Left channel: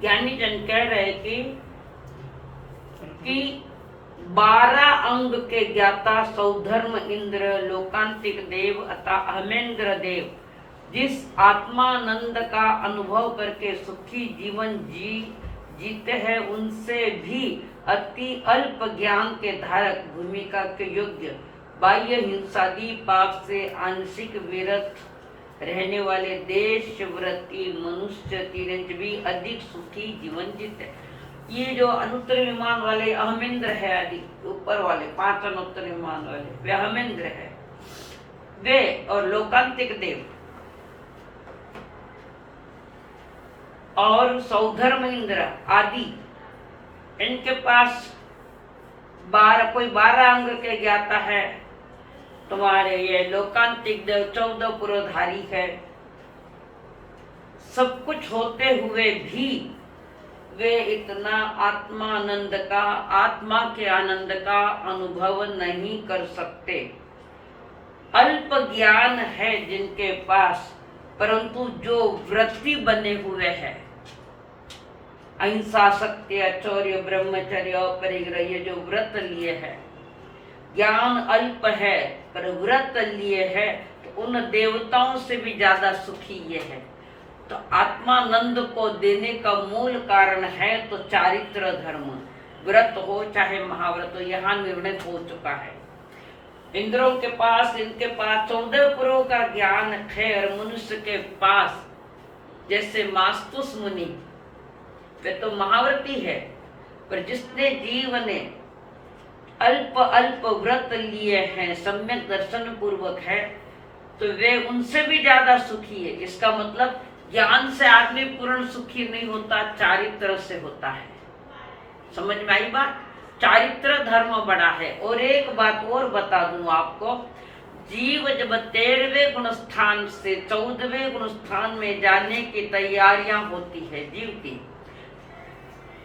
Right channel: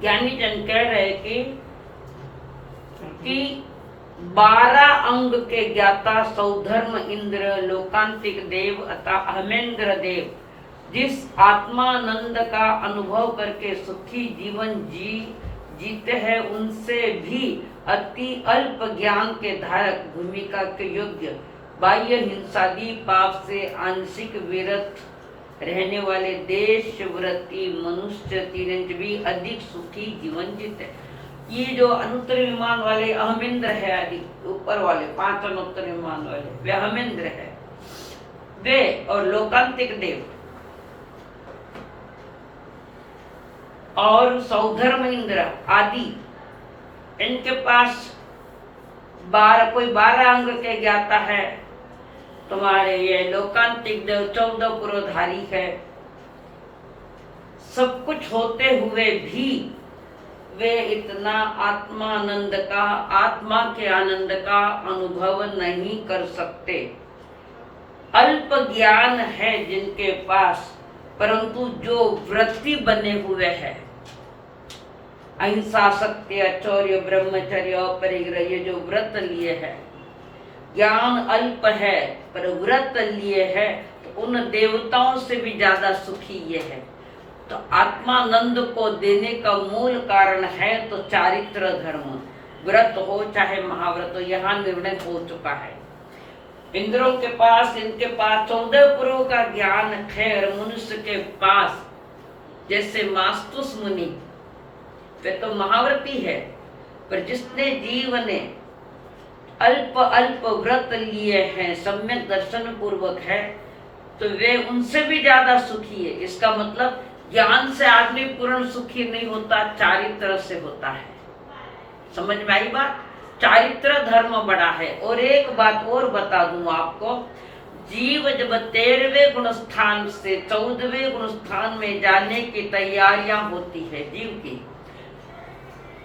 ज्ञानी जन कह रहे कि 12 अंग के ज्ञाता सौधर्म इंद्र लोकांतिक देव अतः अहमेंद्र देव जिस आत्मानंद का अनुभव करके सुखी जीवन जीते हैं, उनसे भी अति अल्प ज्ञान के धारक, भूमिका के योग्य, बाह्य हिंसादी पाप से आंशिक विरत रहने वाले देशव्रती मनुष्य तीरंज भी अधिक सुखी जीवन जीते। ये जो अनुत्तर विमान वाले अहमेंद्र है, आदि ऊपर वाले 5 अनुत्तर विमान वाले वे अहमेंद्र है, वे और लोकांतिक देव और सौधर्म इंद्र आदि, इनके पास 12 अंग के ज्ञाता है। तुम्हारे ये लोकांतिक देव 14 पुरोधारी है। सब कुछ होते हुए भी वे इतना आत्मानंद का, आत्मा के आनंद का अनुभव नहीं कर सकते। अल्प ज्ञान है जिनके पास, परंतु जो वृत्ति बने हुए हैं, अहिंसा, सत्य, आचौर्य, ब्रह्मचर्य, अपरिग्रह, ये जो व्रत लिए है, ज्ञान अल्प है पर व्रत लिए है, तो उन देवताओं से भी ज्यादा सुखी ये है। तो आत्मानंद को देने का मूल कारण है तो चारित्र धर्म, व्रत हो चाहे महाव्रत हो, यहाँ निर्णय हो चुका है। इंद्रों के पास, इनके पास 14 पुरों का ज्ञान है और मनुष्य के पास जैसे मास्तुस मुनि, वे तो महाव्रती है, पर जिसने जीव ने अल्प अल्प व्रत लिए हैं, सम्यक दर्शन पूर्वक है, तो वे उनसे भी ज्यादा सुखी है। इसका मतलब ज्ञान से आदमी पूर्ण सुखी नहीं होता, चारित्र से होता है। समझ में आई बात? चारित्र धर्म बड़ा है। और एक बात और बता दूं आपको, जीव जब 13वें गुण स्थान से 14वें गुण स्थान में जाने की तैयारियां होती है, जीव की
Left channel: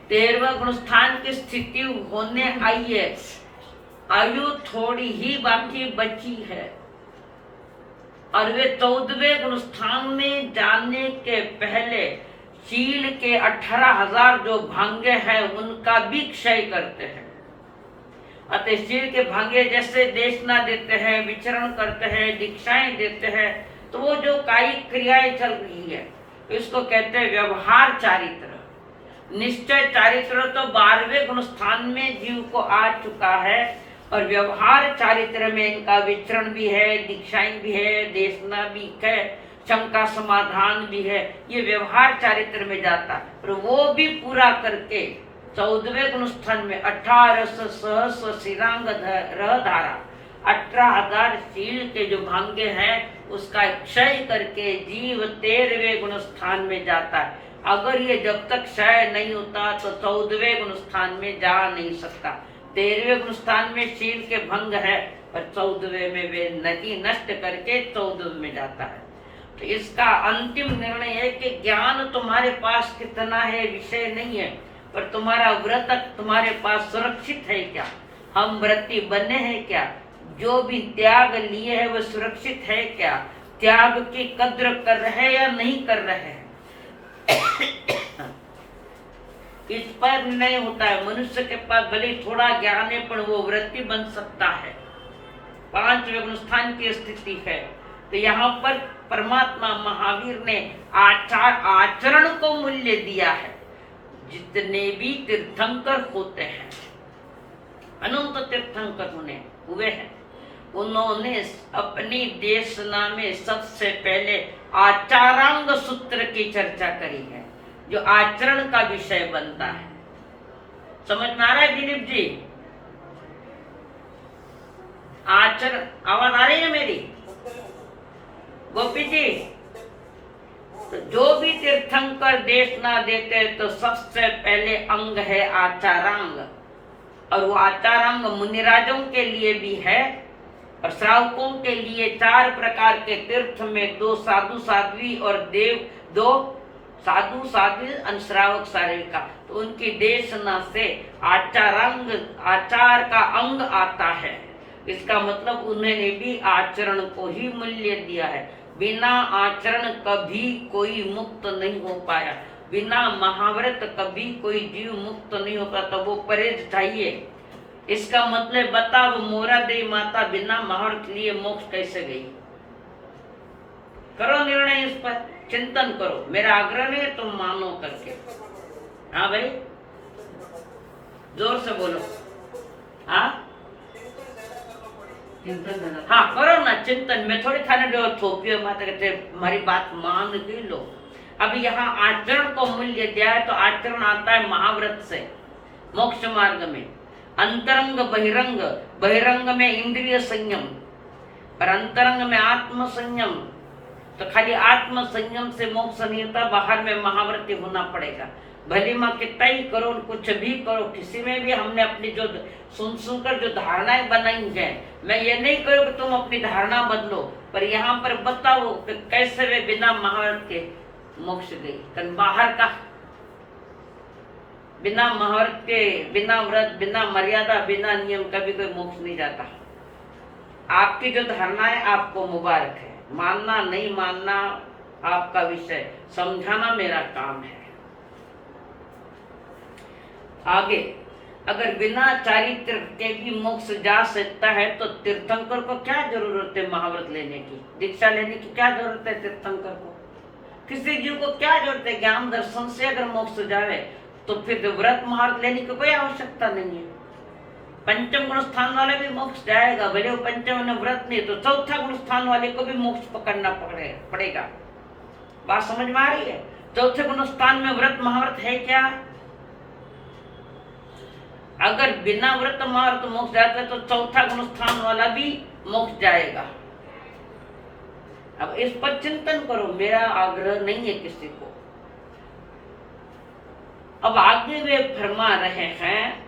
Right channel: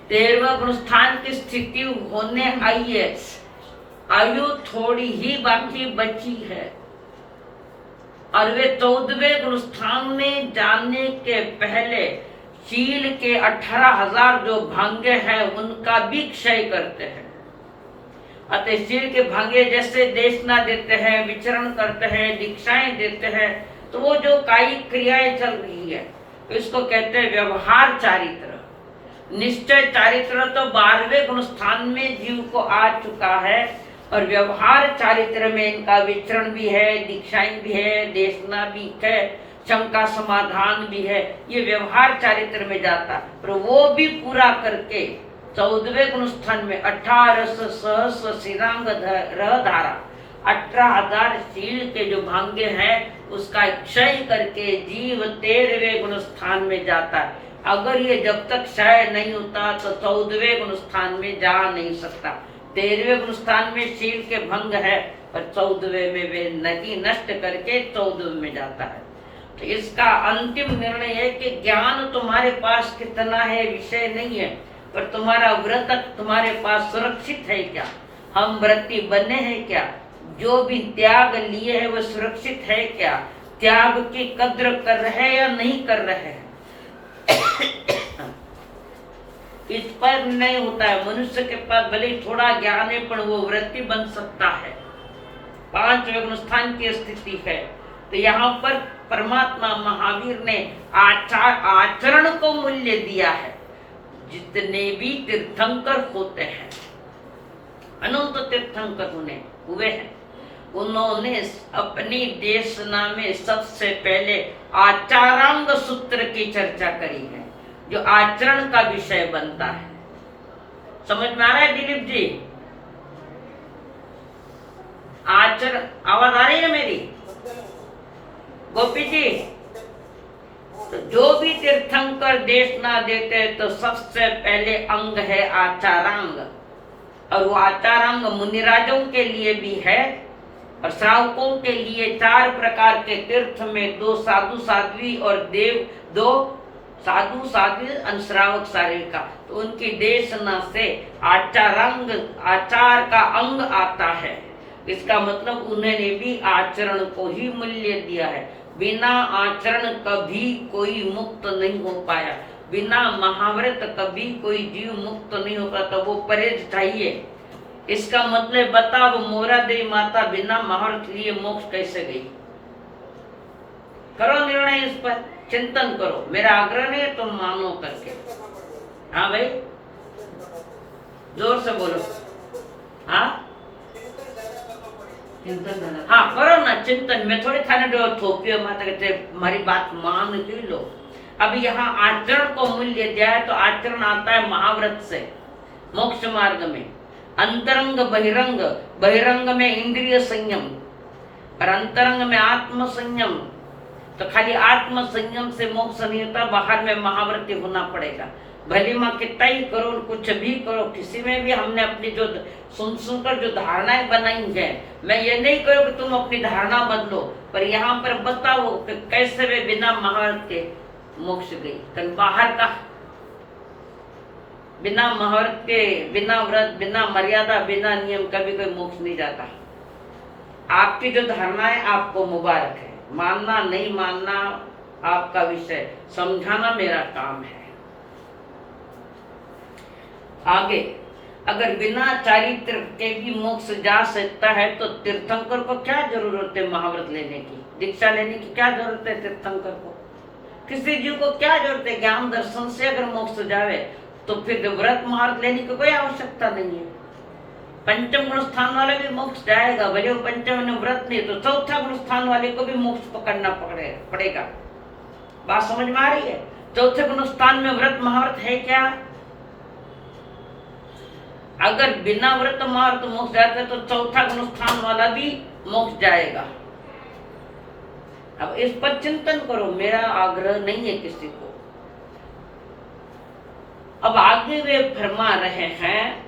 13वां गुण स्थान की स्थिति होने आई है, आयु थोड़ी ही बाकी बची है, और वे 14वें गुण स्थान में जाने के पहले शील के 18,000 जो भांगे हैं उनका भी क्षय करते हैं। अतः शील के भांगे जैसे देशना देते हैं, विचरण करते हैं, दीक्षाएं देते हैं, तो वो जो कायिक क्रियाएं चल रही है इसको कहते हैं व्यवहार चारित्र। निश्चय चारित्र तो 12वें गुण स्थान में जीव को आ चुका है, और व्यवहार चारित्र में इनका विचरण भी है, दीक्षाएं भी है, देशना भी है, शंका समाधान भी है, ये व्यवहार चारित्र में जाता है। पर वो भी पूरा करके 14वें गुण स्थान में 1800 सहस्र शिरांग धारा 18,000 शील के जो भांगे हैं उसका क्षय करके जीव 13वें गुण स्थान में जाता है। अगर ये जब तक क्षय नहीं होता तो 14वें गुण स्थान में जा नहीं सकता। 13वें गुण स्थान में शील के भंग है, और 14वें में वे नहीं नष्ट करके 14वें में जाता है। तो इसका अंतिम निर्णय है कि ज्ञान तुम्हारे पास कितना है विषय नहीं है, पर तुम्हारा व्रत तुम्हारे पास सुरक्षित है क्या, हम व्रती बने हैं क्या, जो भी त्याग लिए है वो सुरक्षित है क्या, त्याग की कद्र कर रहे हैं या नहीं कर रहे हैं, इस पर नहीं होता है। मनुष्य के पास भले थोड़ा ज्ञान है पर वो वृत्ति बन सकता है। 5वें गुण स्थान की स्थिति है। तो यहाँ पर परमात्मा महावीर ने आचरण को मूल्य दिया है। जितने भी तीर्थंकर होते हैं, अनंत तीर्थंकर हुए हैं, उन्होंने अपनी देशना में सबसे पहले आचारांग सूत्र की चर्चा करी है, जो आचरण का विषय बनता है। समझ में आ रहा है दिलीप जी? आचरण, आवाज आ रही है मेरी? गोपी जी, तो जो भी तीर्थंकर देशना देते हैं तो सबसे पहले अंग है आचारांग, और वो आचारांग मुनिराजों के लिए भी है और श्रावकों के लिए। 4 प्रकार के तीर्थ में 2 साधु साध्वी और देव, 2 साधु साध्वी अनुश्रावक सारिका, तो उनकी देशना से आचारांग, आचार का अंग आता है। इसका मतलब उन्होंने भी आचरण को ही मूल्य दिया है। बिना आचरण कभी कोई मुक्त नहीं हो पाया। बिना महाव्रत कभी कोई जीव मुक्त नहीं होगा, तो वो परहेज चाहिए। इसका मतलब बताओ मोरा देवी माता बिना महाव्रत लिए मोक्ष कैसे गई? करो निर्णय, इस पर चिंतन करो। मेरा आग्रह नहीं है तुम मानो करके। हाँ भाई, जोर से बोलो। हाँ हाँ करो ना चिंतन। मैं थोड़ी थाने जो थोपियो माता कहते हमारी बात मान ही लो। अब यहाँ आचरण को मूल्य दिया है, तो आचरण आता है महाव्रत से मोक्ष मार्ग में। अंतरंग बहिरंग, बहिरंग में इंद्रिय संयम और अंतरंग में आत्म संयम। तो खाली आत्म संयम से मोक्ष नहीं होता, बाहर में महाव्रती होना पड़ेगा। भली माँ कितना ही करो, कुछ भी करो, किसी में भी हमने अपनी जो सुनकर जो धारणाएं बनाई हैं, मैं ये नहीं करूँ कि तुम अपनी धारणा बदलो, पर यहाँ पर बताओ कि कैसे वे बिना महाव्रत के मोक्ष गई। कल बाहर का बिना महाव्रत के, बिना व्रत, बिना मर्यादा, बिना नियम कभी कोई मोक्ष नहीं जाता। आपकी जो धारणा है आपको मुबारक है, मानना नहीं मानना आपका विषय, समझाना मेरा काम है। आगे, अगर बिना चारित्र के भी मोक्ष जा सकता है तो तीर्थंकर को क्या जरूरत है महाव्रत लेने की, दीक्षा लेने की क्या जरूरत है तीर्थंकर को? किसी जीव को क्या जरूरत है? ज्ञान दर्शन से अगर मोक्ष जावे तो फिर व्रत महाव्रत लेने की कोई आवश्यकता नहीं है। पंचम गुण स्थान वाला भी मोक्ष जाएगा, भले वो पंचम में व्रत नहीं तो चौथा गुण स्थान वाले को भी मोक्ष पकड़ना पड़ेगा। बात समझ में आ रही है? चौथे गुण स्थान में व्रत महाव्रत है क्या? अगर बिना व्रत महाव्रत मोक्ष जाता है तो चौथा गुण स्थान वाला भी मोक्ष जाएगा। अब इस पर चिंतन करो, मेरा आग्रह नहीं है किसी को। अब आगे वे फरमा रहे हैं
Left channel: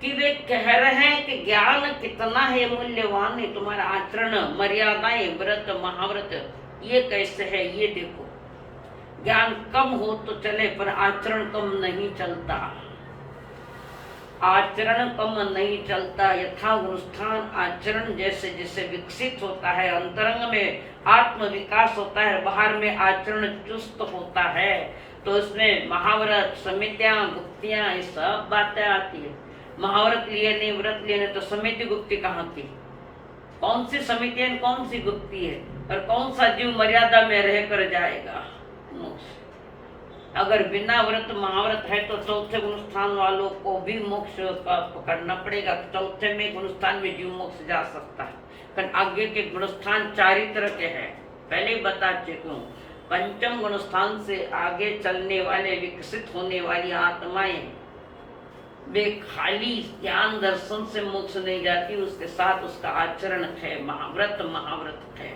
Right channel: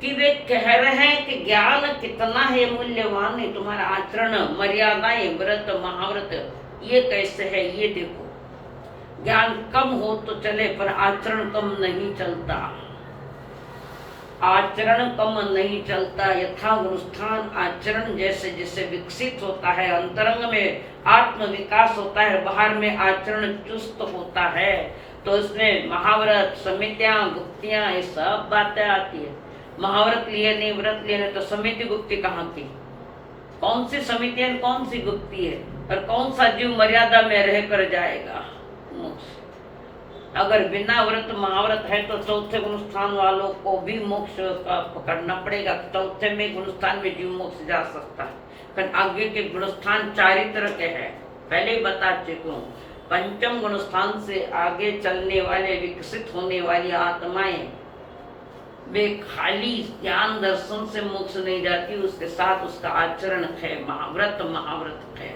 कि वे कह रहे हैं कि ज्ञान कितना है मूल्यवान है, तुम्हारा आचरण, मर्यादाएं, व्रत महाव्रत ये कैसे है ये देखो। ज्ञान कम हो तो चले पर आचरण कम नहीं चलता, आचरण कम नहीं चलता। यथा गुणस्थान आचरण जैसे जैसे विकसित होता है, अंतरंग में आत्म विकास होता है, बाहर में आचरण चुस्त होता है, तो इसमें महाव्रत, समितियां, गुप्तियां, ये सब बातें आती है। महाव्रत लिए नहीं, व्रत लिए नहीं तो समिति गुप्ति कहाँ की? कौन सी समिति है, कौन सी गुप्ति है? और कौन सा जीव मर्यादा में रह कर जाएगा मोक्ष? अगर बिना व्रत महाव्रत है तो चौथे गुणस्थान वालों को भी मोक्ष का पकड़ना पड़ेगा। चौथे में गुणस्थान में जीव मोक्ष जा सकता है, पर आगे के गुणस्थान चारित्र के हैं, पहले ही बता चुका हूँ। पंचम गुणस्थान से आगे चलने वाले, विकसित होने वाली आत्माएं वे खाली ज्ञान दर्शन से मोक्ष नहीं जाती, उसके साथ उसका आचरण है, महाव्रत है।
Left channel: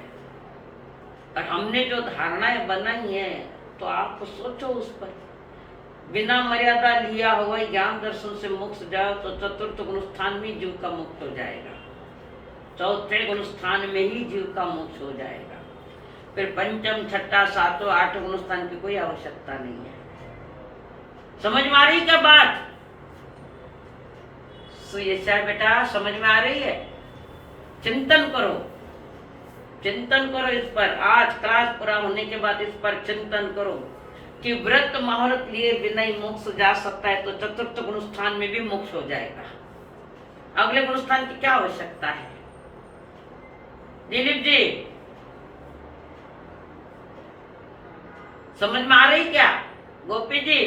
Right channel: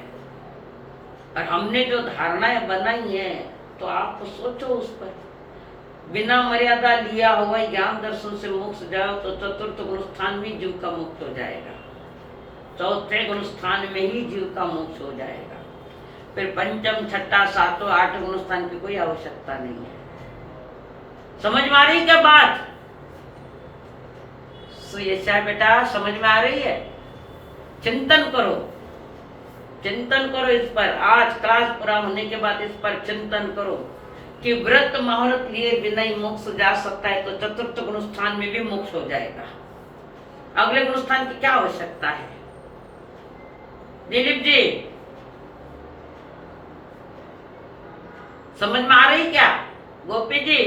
और हमने जो धारणाएं बनाई है तो आप सोचो उस पर। बिना मर्यादा लिया हुआ ज्ञान दर्शन से मोक्ष जाओ तो चतुर्थ गुण स्थान में जीव का मुक्त हो जाएगा, चौथे गुण स्थान में ही जीव का मोक्ष हो जाएगा। फिर पंचम, छठा, सातों, आठ गुण स्थान की कोई आवश्यकता नहीं है। समझ में आ रही क्या बात? सुयशा बेटा समझ में आ रही है? चिंतन करो, चिंतन करो इस पर। आज क्लास पूरा होने के बाद इस पर चिंतन करो कि व्रत महाव्रत लिए बिना ही मोक्ष जा सकता है तो चतुर्थ गुण स्थान में भी मोक्ष हो जाएगा। अगले गुण स्थान की क्या आवश्यकता है? दिलीप जी समझ में आ रही क्या? गोपी जी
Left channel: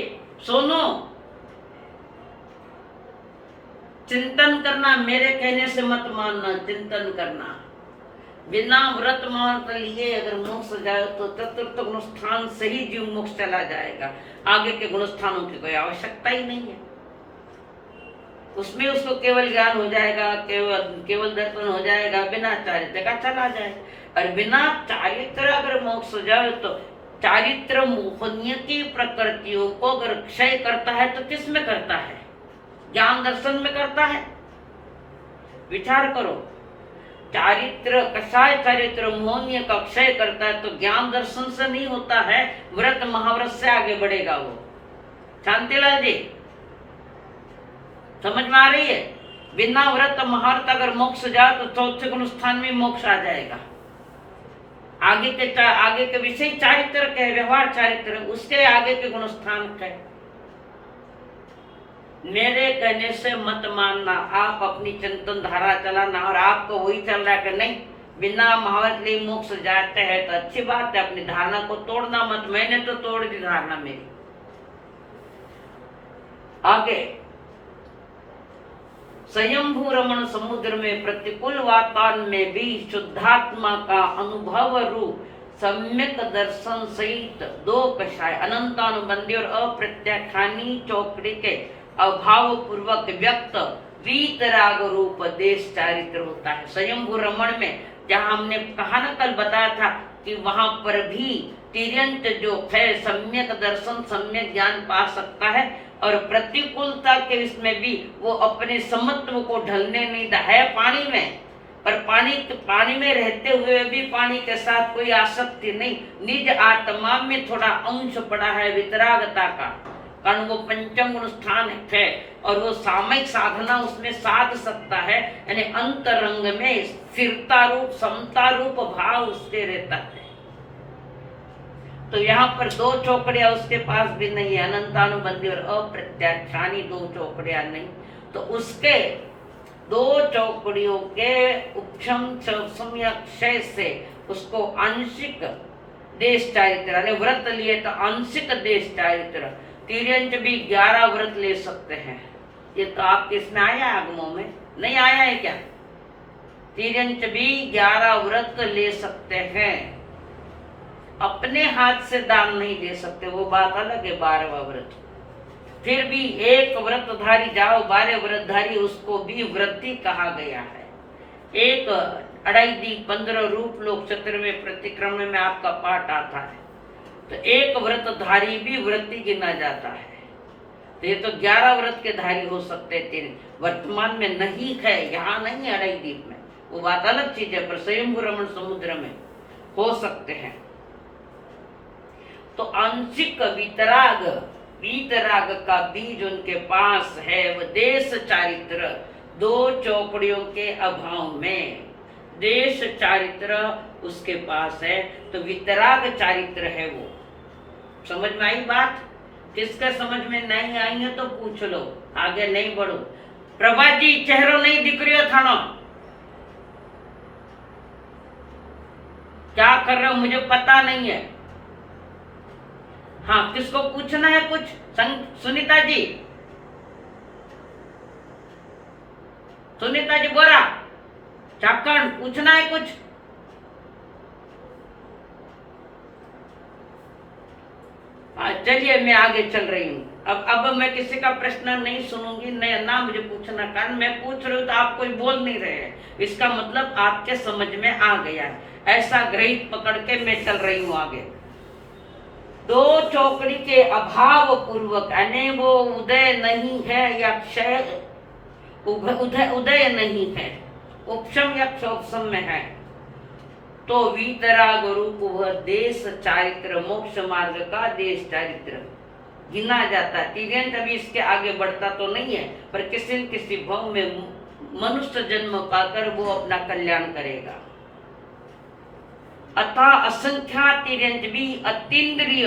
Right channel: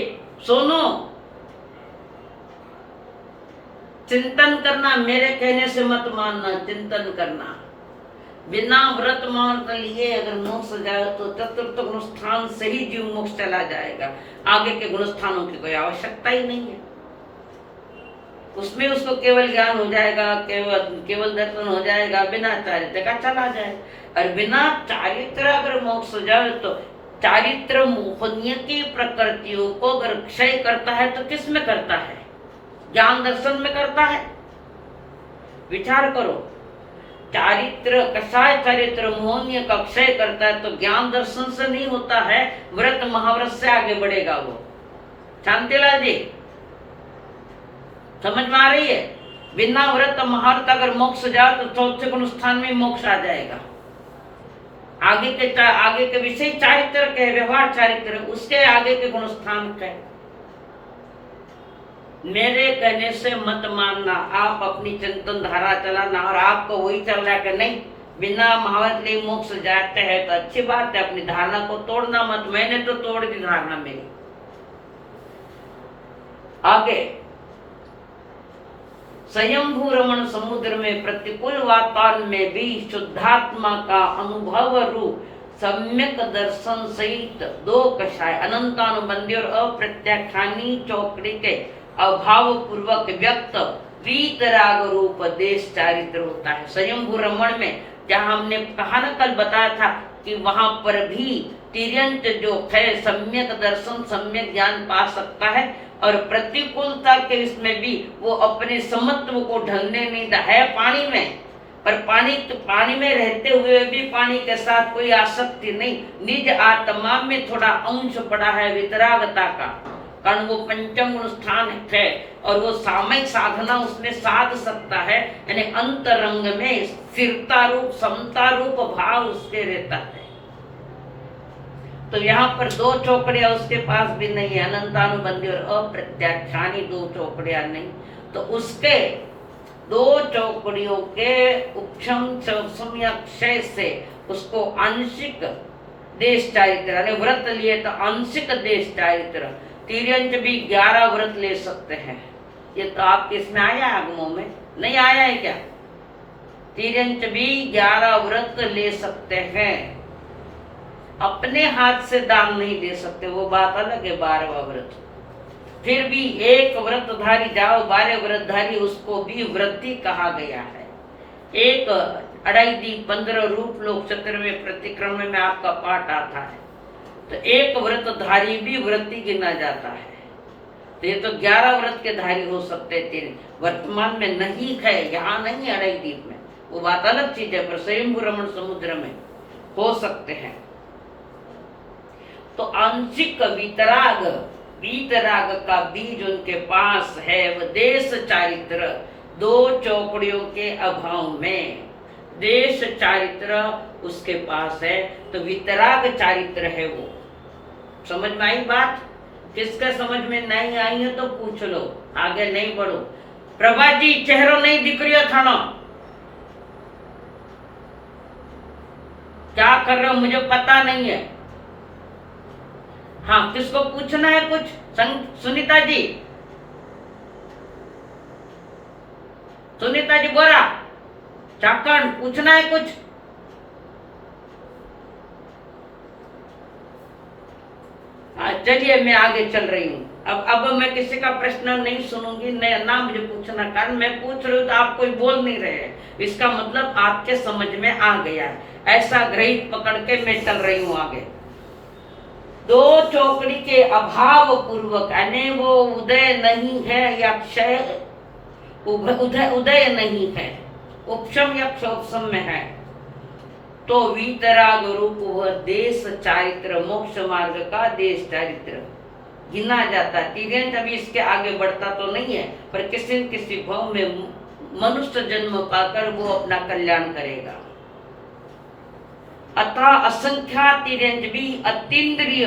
सोनो, चिंतन करना, मेरे कहने से मत मानना, चिंतन करना। बिना व्रत महाव्रत लिए अगर मोक्ष जाए तो चतुर्थ गुण स्थान से ही जीव मोक्ष चला जाएगा, आगे के गुण स्थानों की कोई आवश्यकता ही नहीं है। उसमें उसको केवल ज्ञान हो जाएगा, केवल दर्शन हो जाएगा, बिना चारित्र का चला जाए। और बिना चारित्र अगर मोक्ष जाए तो चारित्र मोहनीय की प्रकृतियों को अगर क्षय करता है तो किस में करता है? ज्ञान दर्शन में करता है। विचार करो, चारित्र कसाय चारित्र मोहनीय का क्षय करता है तो ज्ञान दर्शन से नहीं होता है, व्रत महाव्रत से आगे बढ़ेगा वो। शांतिलाल जी समझ में आ रही है? बिना व्रत महाव्रत अगर मोक्ष जाए तो चौथे गुण स्थान में मोक्ष आ जाएगा। आगे के विषय चारित्र के व्यवहार चारित्र, उसके आगे के गुण स्थान है। मेरे कहने से मत मानना, आप अपनी चिंतन धारा चलाना, और आपको वही चल रहा है कि नहीं बिना महावत ले मोक्ष जाते हैं तो अच्छी बात है, अपनी धारणा को तोड़ना मत। मैंने तो तोड़ दी धारणा मेरी। आगे स्वयंभू रमण समुद्र में प्रतिकूल वातावरण में भी शुद्धात्मा का अनुभव रूप सम्यक दर्शन सहित दो कषाय अनंतानुबंधी और अप्रत्याख्यानी चौकड़ी के अभाव पूर्वक व्यक्त वीतराग रूप देश चारित्र होता है। स्वयंभू रमण में जहां हमने कहा ना कल बताया था कि वहां पर भी तिर्यंत जो है सम्यक दर्शन सम्यक ज्ञान पा सकता है, और प्रतिकूलता के इसमें भी वो अपने समत्व को ढलने नहीं दा है पानी में, पर पानी में रहते हुए भी पानी के साथ कोई आसक्ति नहीं, निज आत्मा में थोड़ा अंश पड़ा है वितरागता का, कारण वो पंचम गुण स्थान है और वो सामयिक साधना उसमें साध सकता है, यानी अंतरंग में स्थिरता रूप समता रूप भाव उसके रहता है। तो यहाँ पर दो चौकड़ियां उसके पास भी नहीं है, अनंतानुबंधी और अप्रत्याख्यानी दो चौकड़ियां नहीं, तो उसके दो चौकड़ियों के उपशम या क्षय से उसको आंशिक देश चारित्र, यानी व्रत लिए तो आंशिक देश चारित्र, तिर्यंत भी 11 व्रत ले सकते हैं। ये तो आपके इसमें आया आगमों में नहीं आया है क्या? तिर्यंत भी 11 व्रत ले सकते हैं, अपने हाथ से दान नहीं दे सकते, वो बात अलग है। 12वां व्रत फिर भी एक व्रतधारी जाओ 12 व्रतधारी, उसको भी व्रती कहा गया है। एक 2.5 दीप 15 रूप लोक 17वें प्रतिक्रमण में आपका पाठ आता है, तो एक व्रतधारी भी व्रती गिना जाता है। तो ये तो 11 व्रत के धारी हो सकते थे, वर्तमान में नहीं है, यहाँ नहीं है 2.5 दीप में, वो बात अलग चीज है, पर स्वयंभू रमण समुद्र में हो सकते हैं। तो आंशिक वीतराग का बीज उनके पास है, वह देश चारित्र, दो चौकड़ियों के अभाव में देश चारित्र उसके पास है, तो वितराग चारित्र है वो। समझ में आई बात? किसका समझ में नहीं आई है तो पूछ लो, आगे नहीं बढ़ो। प्रभा जी चेहरो नहीं दिख रही थानो, क्या कर रहे हो मुझे पता नहीं है। हाँ, किसको पूछना है कुछ? सुनीता जी, सुनीता जी बोरा चाकण पूछना है कुछ? चलिए मैं आगे चल रही हूँ। अब मैं किसी का प्रश्न नहीं सुनूंगी, ना मुझे पूछना, कारण मैं पूछ रही हूँ तो आप कोई बोल नहीं रहे हैं, इसका मतलब आपके समझ में आ गया है, ऐसा ग्रहित पकड़ के मैं चल रही हूँ आगे। दो चौकड़ी के अभाव पूर्वक, यानी वो उदय नहीं है या क्षय, उदय नहीं है, उपशम या क्षोपशम में है, तो वीतराग रूप वह देश चारित्र, मोक्ष मार्ग का देश चारित्र गिना जाता है। तिर्यंत अभी इसके आगे बढ़ता तो नहीं है, पर किसी न किसी भाव में मनुष्य जन्म पाकर वो अपना कल्याण करेगा। अतः असंख्या तिर्यंत भी अतीन्द्रिय,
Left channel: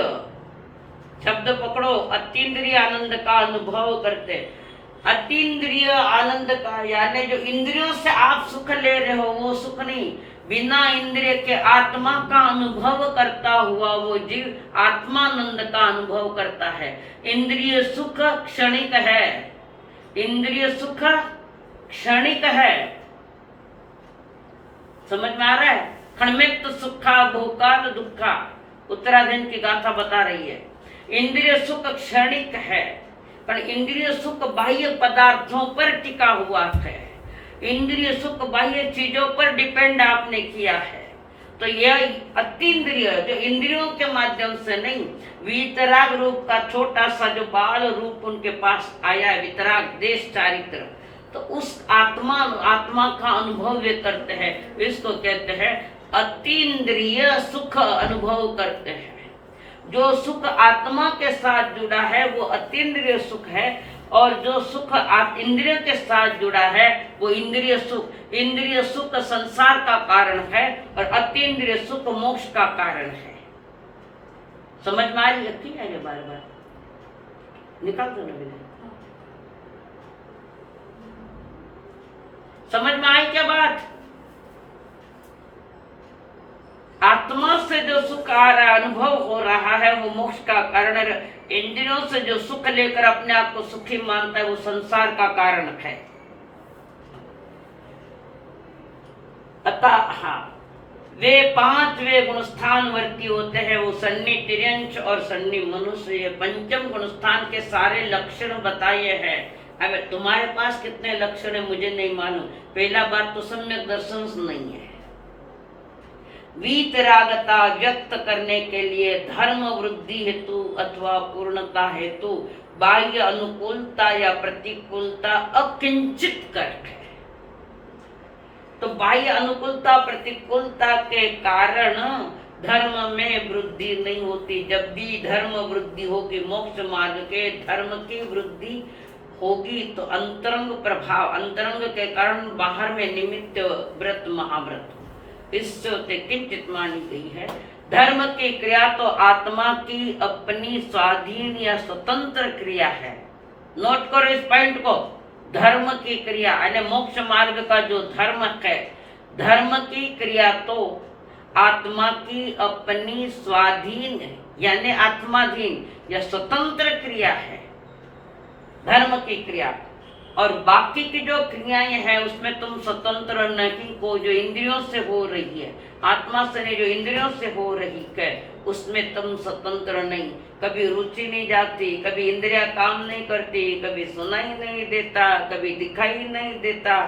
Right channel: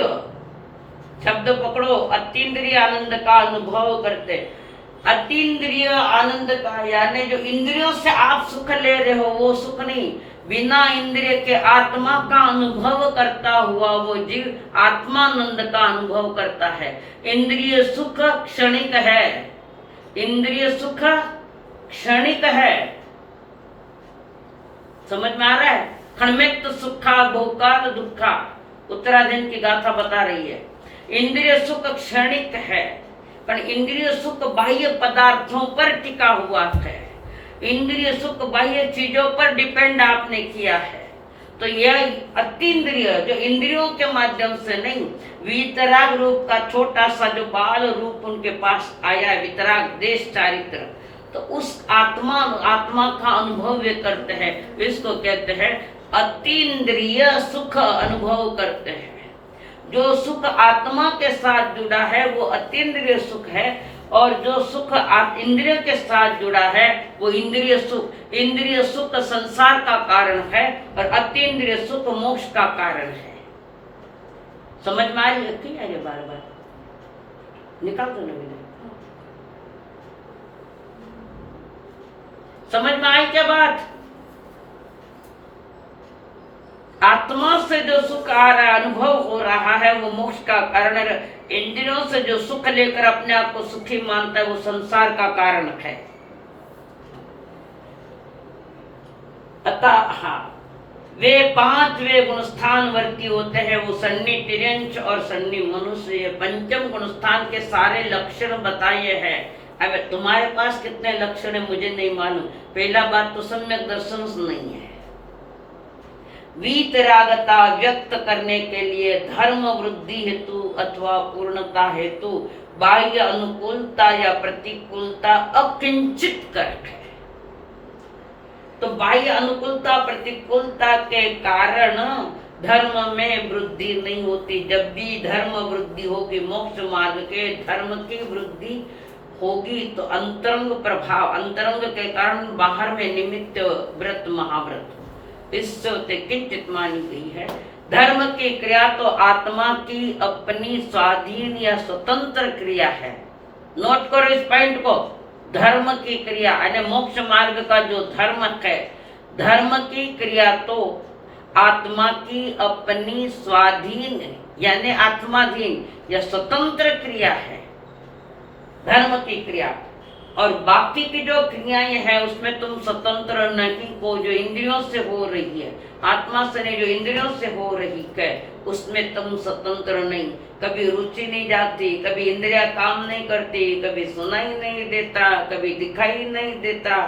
शब्द पकड़ो, अतीन्द्रिय आनंद का अनुभव करते। अतीन्द्रिय आनंद का यानी जो इंद्रियों से आप सुख ले रहे हो वो सुख नहीं, बिना इंद्रिय के आत्मा का अनुभव करता हुआ वो जीव आत्मानंद का अनुभव करता है। इंद्रिय सुख क्षणिक है, इंद्रिय सुख क्षणिक है, समझ में आ रहा है? खण्मित सुखा भोकाल दुखा, उत्तराधीन की गाथा बता रही है। इंद्रिय सुख क्षणिक है, पर इंद्रिय सुख बाह्य पदार्थों पर टिका हुआ है, इंद्रिय सुख बाह्य चीजों पर डिपेंड आपने किया है। तो यह अतीन्द्रिय जो इंद्रियों के माध्यम से नहीं, वितराग रूप का छोटा सा जो बाल रूप उनके पास आया है, वितराग देश चारित्र, तो उस आत्मा का अनुभव वे करते हैं, इसको कहते हैं अतीन्द्रिय सुख अनुभव करते हैं। जो सुख आत्मा के साथ जुड़ा है वो अतीन्द्रिय सुख है, और जो सुख इंद्रियों के साथ जुड़ा है वो इंद्रिय सुख संसार का कारण है और अतीन्द्रिय सुख मोक्ष का कारण है। समझ में आ रही है? ये बार बार निकाल दो ना मैंने। समझ में आई क्या बात? आत्मा से जो सुख आ रहा है, अनुभव हो रहा है, वो मोक्ष का कारण है। इंद्रियों से जो सुख लेकर अपने आप को सुखी मानता है वो संसार का कारण है। अतः वे 5 वे गुणस्थान वर्ती होते हैं, वो सन्नी तिर्यंश और सन्नी मनुष्य। ये पंचम गुणस्थान के सारे लक्षण बताए हैं। अब तुम्हारे पास कितने लक्षण है मुझे नहीं मालूम। पहला बात तो सम्यक दर्शन नहीं है। वीतरागता व्यक्त करने के लिए धर्म वृद्धि हेतु अथवा पूर्णता हेतु बाह्य अनुकूलता या प्रतिकूलता अकिंचित कर्क है। तो बाह्य अनुकूलता प्रतिकूलता के कारण धर्म में वृद्धि नहीं होती। जब भी धर्म वृद्धि होगी, मोक्ष मार्ग के धर्म की वृद्धि होगी, तो अंतरंग प्रभाव, अंतरंग के कारण बाहर में निमित्त व्रत महाव्रत इससे किंचित मानी गई है। धर्म की क्रिया तो आत्मा की अपनी स्वाधीन या स्वतंत्र क्रिया है। नोट करो इस पॉइंट को। धर्म की क्रिया यानी मोक्ष मार्ग का जो धर्म है, धर्म की क्रिया तो आत्मा की अपनी स्वाधीन यानी आत्माधीन या स्वतंत्र क्रिया है, धर्म की क्रिया। और बाकी की जो क्रियाएं हैं उसमें तुम स्वतंत्र नहीं हो। जो इंद्रियों से हो रही है, आत्मा से नहीं, जो इंद्रियों से हो रही है उसमें तुम स्वतंत्र नहीं। कभी रुचि नहीं जाती, कभी इंद्रिया काम नहीं करती, कभी सुनाई नहीं देता, कभी दिखाई नहीं देता,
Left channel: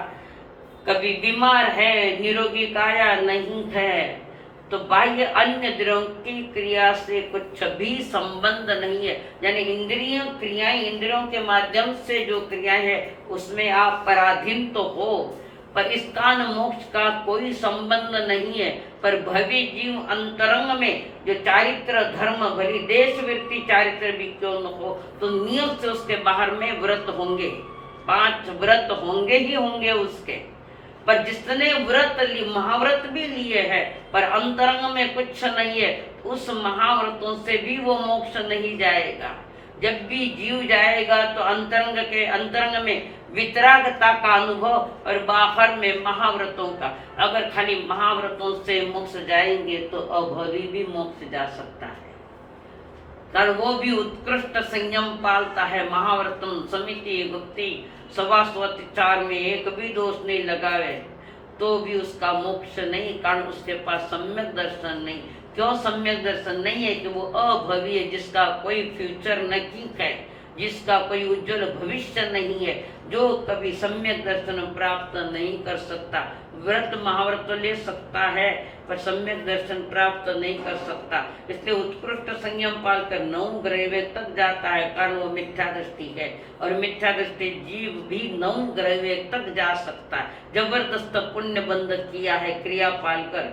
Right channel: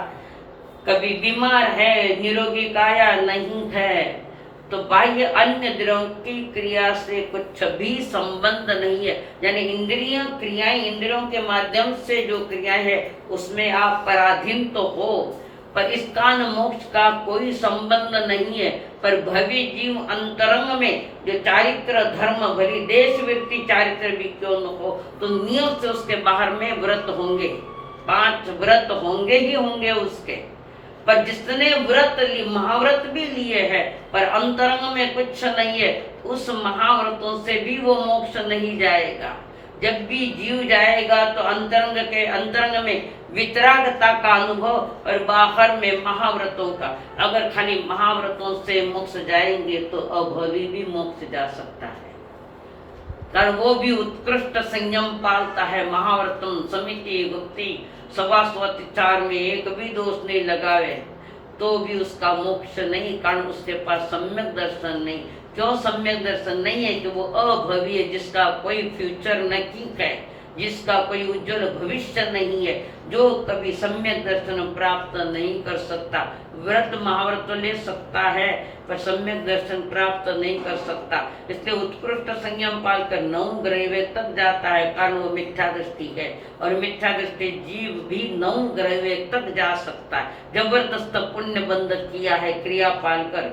कभी बीमार है, निरोगी काया नहीं है। तो बाह्य अन्य द्रव्यों की क्रिया से कुछ भी संबंध नहीं है। यानी इंद्रिय क्रियाएं, इंद्रियों के माध्यम से जो क्रियाएं है उसमें आप पराधीन तो हो, पर इसका मोक्ष का कोई संबंध नहीं है। पर भवि जीव अंतरंग में जो चारित्र धर्म भली देश वृत्ति चारित्र भी क्यों न हो, तो नियम से उसके बाहर में व्रत होंगे, 5 व्रत होंगे ही होंगे उसके। पर जिसने व्रत महाव्रत भी लिए हैं पर अंतरंग में कुछ नहीं है, उस महाव्रतों से भी वो मोक्ष नहीं जाएगा। जब भी जीव जाएगा तो अंतरंग में वितरागता का अनुभव और बाहर में महाव्रतों का। अगर खाली महाव्रतों से मोक्ष जाएंगे तो अभवी भी मोक्ष जा सकता है, कारण वो भी उत्कृष्ट संयम पालता है। महाव्रतम समिति गुप्ति सवास्वत 4 में एक भी दोष नहीं लगावे तो भी उसका मोक्ष नहीं, कारण उसके पास सम्यक दर्शन नहीं। क्यों सम्यक दर्शन नहीं है? कि वो अभवी है, जिसका कोई फ्यूचर नहीं है, जिसका कोई उज्जवल भविष्य नहीं है, जो कभी सम्यक दर्शन प्राप्त नहीं कर सकता। व्रत महाव्रत तो ले सकता है पर सम्यक दर्शन प्राप्त नहीं कर सकता। इसलिए उत्कृष्ट संयम पालकर 9 ग्रहवे तक जाता है, कारण वो मिथ्या दृष्टि है। और मिथ्या दृष्टि जीव भी 9 ग्रहवे तक जा सकता है। जबरदस्त पुण्य बंध किया है क्रिया पालकर,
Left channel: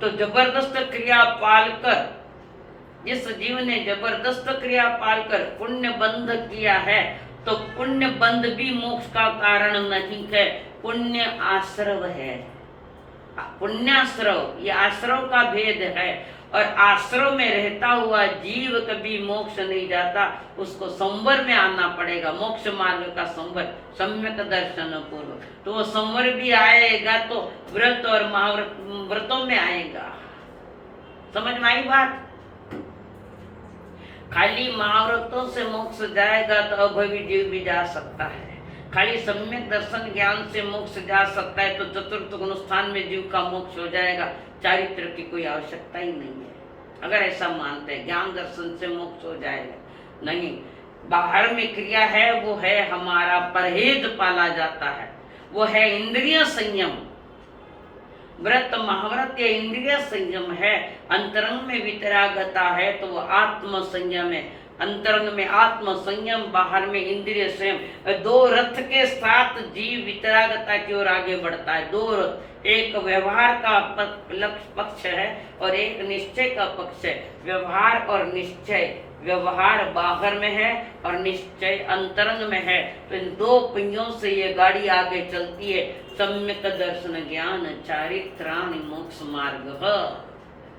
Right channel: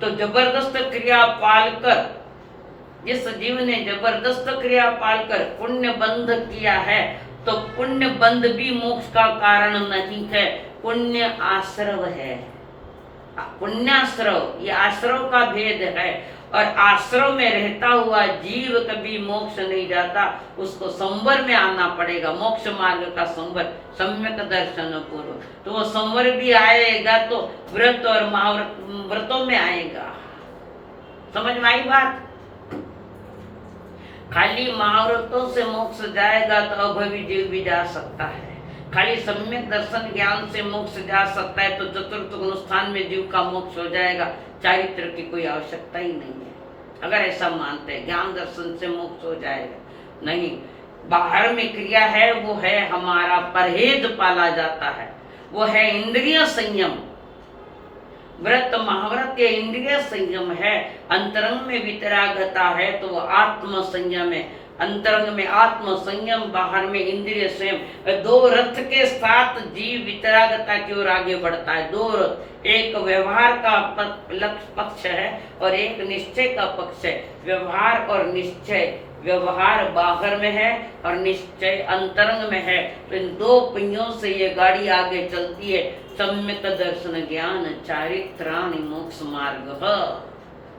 तो जबरदस्त क्रिया पालकर जिस जीव ने जबरदस्त क्रिया पालकर पुण्य बंध किया है, तो पुण्य बंध भी मोक्ष का कारण नहीं है, पुण्य आश्रव है। पुण्याश्रव, ये आश्रव का भेद है। और आश्रव में रहता हुआ जीव कभी मोक्ष नहीं जाता, उसको संवर में आना पड़ेगा, मोक्ष मार्ग का संवर, सम्यक दर्शन पूर्व। तो वो संवर भी आएगा तो व्रत और व्रतों में आएगा। समझ में आई बात? खाली महाव्रतों से मोक्ष जाएगा तो अभवी जीव भी जा सकता है। खाली सम्यक दर्शन ज्ञान से मोक्ष जा सकता है, तो चतुर्थ गुणस्थान में जीव का मोक्ष हो जाएगा। चारित्र की कोई आवश्यकता ही नहीं है। अगर ऐसा मानते हैं ज्ञान दर्शन से मोक्ष हो जाएगा, नहीं। बाहर में क्रिया है, वो है हमारा परहेज पाला जाता है, वो है इंद्रिय संयम। व्रत महाव्रत ये इंद्रिय संयम है। अंतरंग में वितरागता है तो वो आत्म संयम है। अंतरंग में आत्म संयम, बाहर में इंद्रिय संयम। 2 रथ के साथ जीव वितरागता की ओर आगे बढ़ता है। 2 रथ, एक व्यवहार का पक्ष है और एक निश्चय का पक्ष है। व्यवहार और निश्चय, व्यवहार बाहर में है और निश्चय अंतरंग में है। तो इन दो पहियों से ये गाड़ी आगे चलती है। सम्यक दर्शन ज्ञान चारित्राणि मोक्ष मार्ग।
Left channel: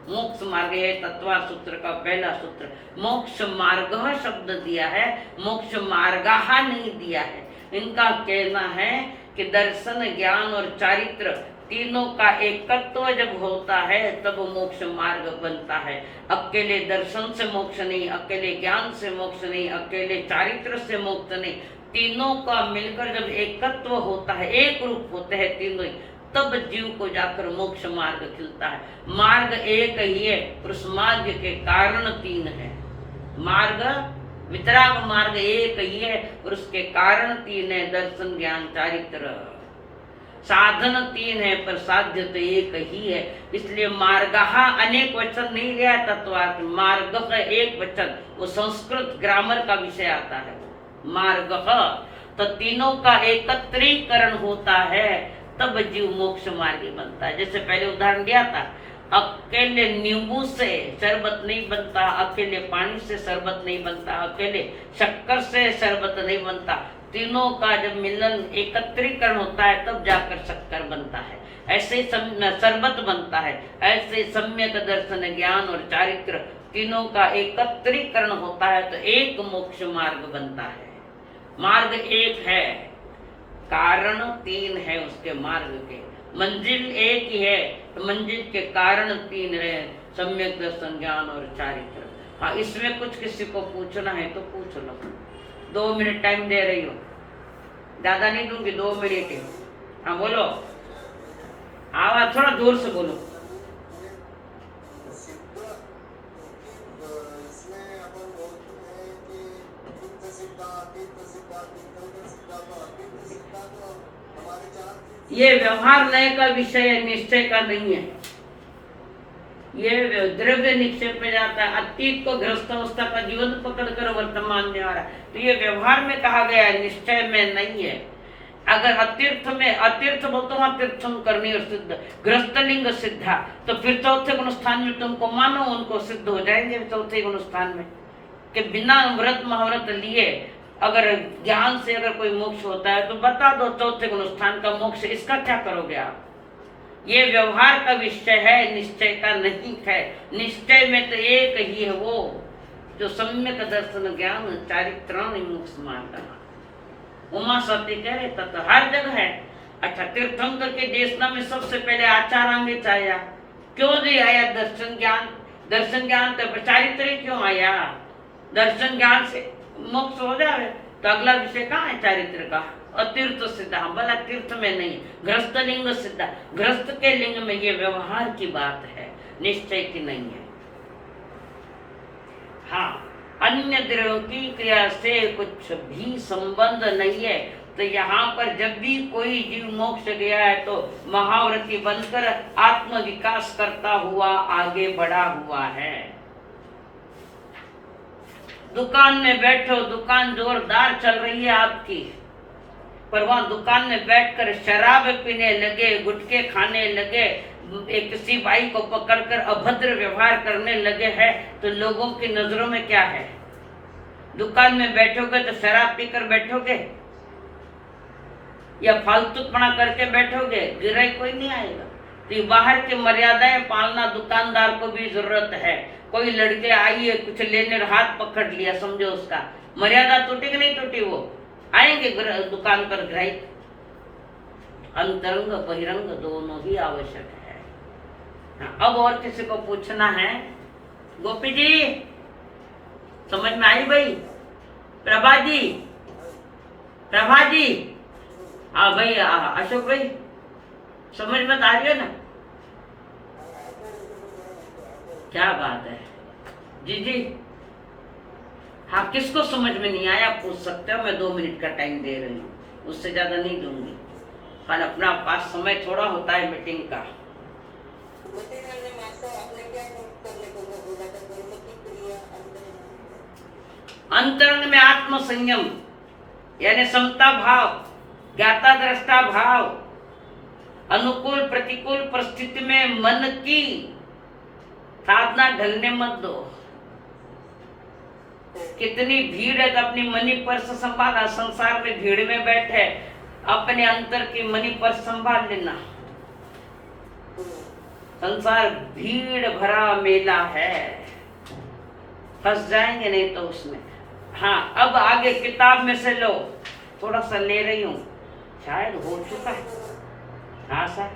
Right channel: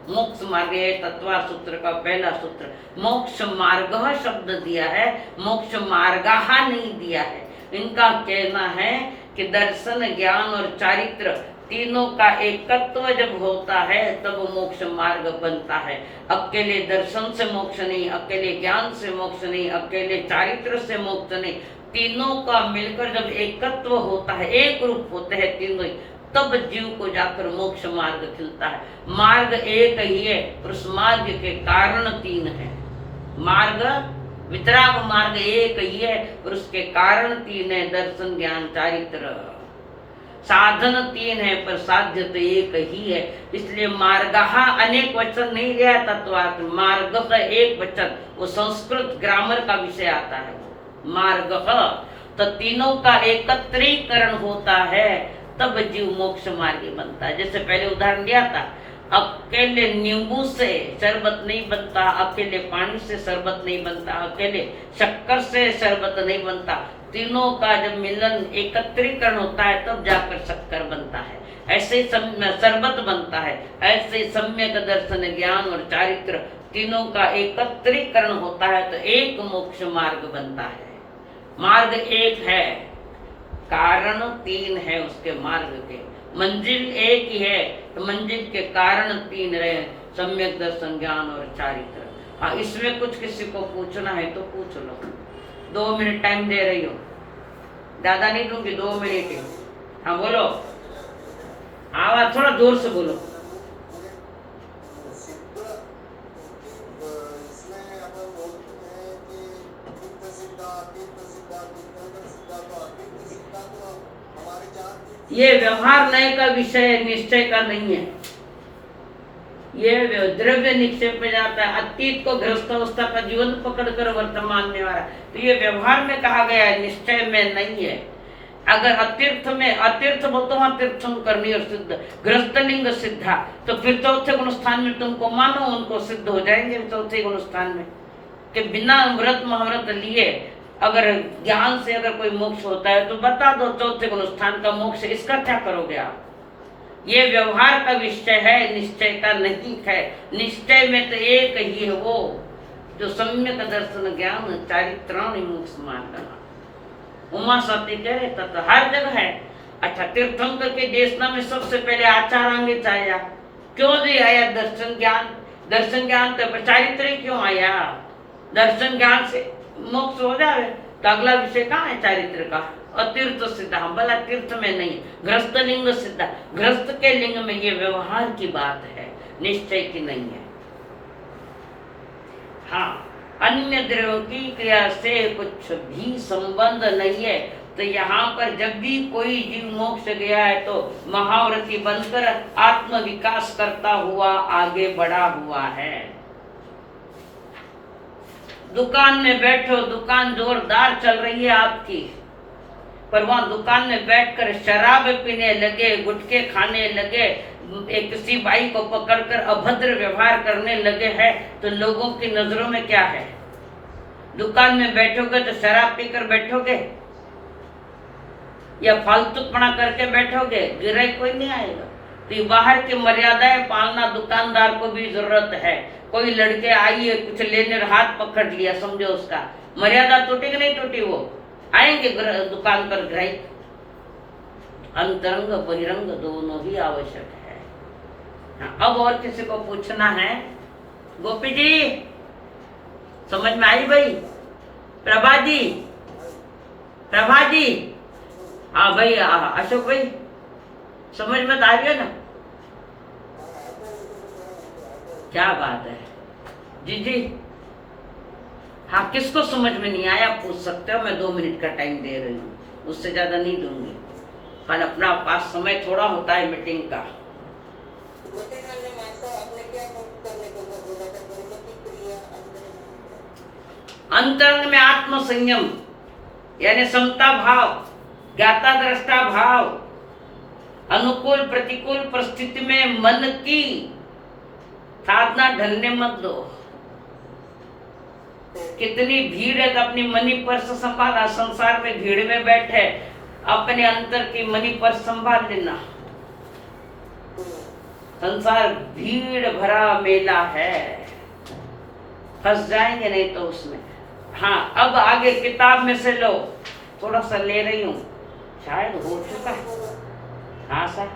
मोक्ष मार्ग है तत्वा सूत्र का पहला सूत्र। मोक्ष मार्ग शब्द दिया है, मोक्ष मार्गा नहीं दिया है। इनका कहना है कि दर्शन ज्ञान और चारित्र तीनों का एकत्व जब होता है तब मोक्ष मार्ग बनता है। अकेले दर्शन से मोक्ष नहीं, अकेले ज्ञान से मोक्ष नहीं, अकेले चारित्र से मोक्ष नहीं, तीनों का मिलकर जब एकत्व होता है, एक रूप होते हैं तीनों, तब जीव को जाकर मोक्ष मार्ग खिलता है। मार्ग एक ही है और उस मार्ग के कारण तीन है। मार्ग वितराग मार्ग एक ही है और उसके कारण तीन है, दर्शन ज्ञान चारित्र। साधन तीन है पर साध्य तो एक ही है। इसलिए मार्गः अनेक वचन नहीं लिया तत्वार्थ, मार्ग का एक वचन, वो संस्कृत ग्रामर का विषय आता है। मार्ग तो तीनों का एकत्रीकरण होता है तब जीव मोक्ष मार्गी बनता है। जैसे पहले उदाहरण दिया था, अकेले नींबू से शरबत नहीं बनता, अकेले पानी से शरबत नहीं बनता, अकेले शक्कर से शरबत नहीं बनता। तीनों का जब मिलन एकत्रीकरण होता है तब जाकर शक्कर बनता है, ऐसे शरबत बनता है। ऐसे सम्यक दर्शन ज्ञान और चारित्र तीनों का एकत्रीकरण होता है तो एक मोक्ष मार्ग बनता है। मार्ग एक है, कारण तीन है उसके मार्ग के। मंजिल एक ही है तो मंजिल के कारण तीन रहे, सम्यक दर्शन ज्ञान और चारित्र। हाँ, इसमें कुछ किसी को पूछना है तो पूछ लो। 2 मिनट टाइम दे रही हो, ज्यादा नहीं दूंगी, 2 मिनट ही। हाँ बोलो, आवाज थोड़ा जोर से बोलो। ये व्यवहार नए का विषय है, निश्चय का नहीं है। ये द्रव्य निश्चय पे जाता है, अतीत को गृहस्थ अवस्था का जीवन पकड़कर वर्तमान में आ रहा है। तो ये व्यवहार में कहा गया है, निश्चय में नहीं है। अगर अतीर्थ में, अतीर्थ बोलते हो तीर्थम करनी और सिद्ध, गृहस्थलिंग सिद्धा, तो फिर चौथे गुण स्थान में तुमको मानो उनको सिद्ध हो जाएंगे चौथे गुण स्थान में, कि बिना व्रत महाव्रत लिए अगर ज्ञान से अगर कोई मोक्ष होता है तो बता दो चौथे गुण स्थान का मोक्ष, इसका क्या करोगे आप? ये व्यवहार का विषय है, निश्चय का नहीं है। निश्चय में तो एक ही है, वो जो सम्यक दर्शन ज्ञान चारित्राणि मोक्ष मार्ग। उमा सती कह रहे तो हर जगह है। अच्छा, तीर्थंकर के देशना में सबसे पहले आचारांगे आया, क्यों नहीं आया? दर्शन ज्ञान, दर्शन ज्ञान तो चारित्र क्यों आया? दर्शन ज्ञान से मोक्ष हो जाए तो अगला विषय कहाँ है? चारित्र का। अतीर्थ सिद्धा, भला तीर्थ में नहीं, गृहस्थ लिंग सिद्धा, गृहस्थ के लिंग में ये व्यवहार की बात है, निश्चय की नहीं है। हाँ, अन्य द्रव्यों की क्रिया से कुछ भी संबंध नहीं है। तो यहाँ पर जब भी कोई जीव मोक्ष गया है तो महाव्रती बनकर आत्म विकास करता हुआ आगे बढ़ा हुआ है। दुकान में बैठो, दुकान जोरदार चल रही है आपकी, पर वहां दुकान में बैठकर शराब पीने लगे, गुटखे खाने लगे, एक किसी भाई को पकड़कर अभद्र व्यवहार करने लगे हैं, तो लोगों की नजरों में क्या है? दुकान में बैठोगे तो शराब पीकर बैठोगे या फालतूपना करके बैठोगे? गिराई कोई नहीं आएगा। तो ये बाहर की मर्यादाएं पालना दुकानदार को भी जरूरत है। कोई लड़के आई है कुछ लेने, हाथ पकड़ लिया, समझो उसका मर्यादा टूटी कि नहीं टूटी? वो आएंगे दुकान पर ग्राहक। अंतरंग बहिरंग दोनों ही आवश्यक है। हाँ, अब और किसी को पूछना है? गोपी जी समझ में आई भाई? प्रभा जी, प्रभा जी, हाँ भाई, अशोक भाई समझ में आ रही है ना? क्या बात है जी जी। हाँ, किसको समझ में नहीं आया पूछ सकते हो, मैं 2 मिनट का टाइम दे रही हूँ, उससे ज्यादा नहीं दूंगी, पर अपना पास समय थोड़ा होता है मीटिंग का। अंतरंग में आत्म संयम यानी समता भाव, ज्ञाता दृष्टा भाव, अनुकूल प्रतिकूल परिस्थिति में मन की साधना ढलने मत दो। कितनी भीड़ है तो अपनी मनी पर्स संभाला, संसार में भीड़ में बैठे अपने अंतर की मनी पर्स संभाल लेना। संसार भीड़ भरा मेला है, फंस जाएंगे नहीं तो उसमें। हाँ, अब आगे किताब में से लो, थोड़ा सा ले रही हूँ, शायद हो चुका है। हाँ सर,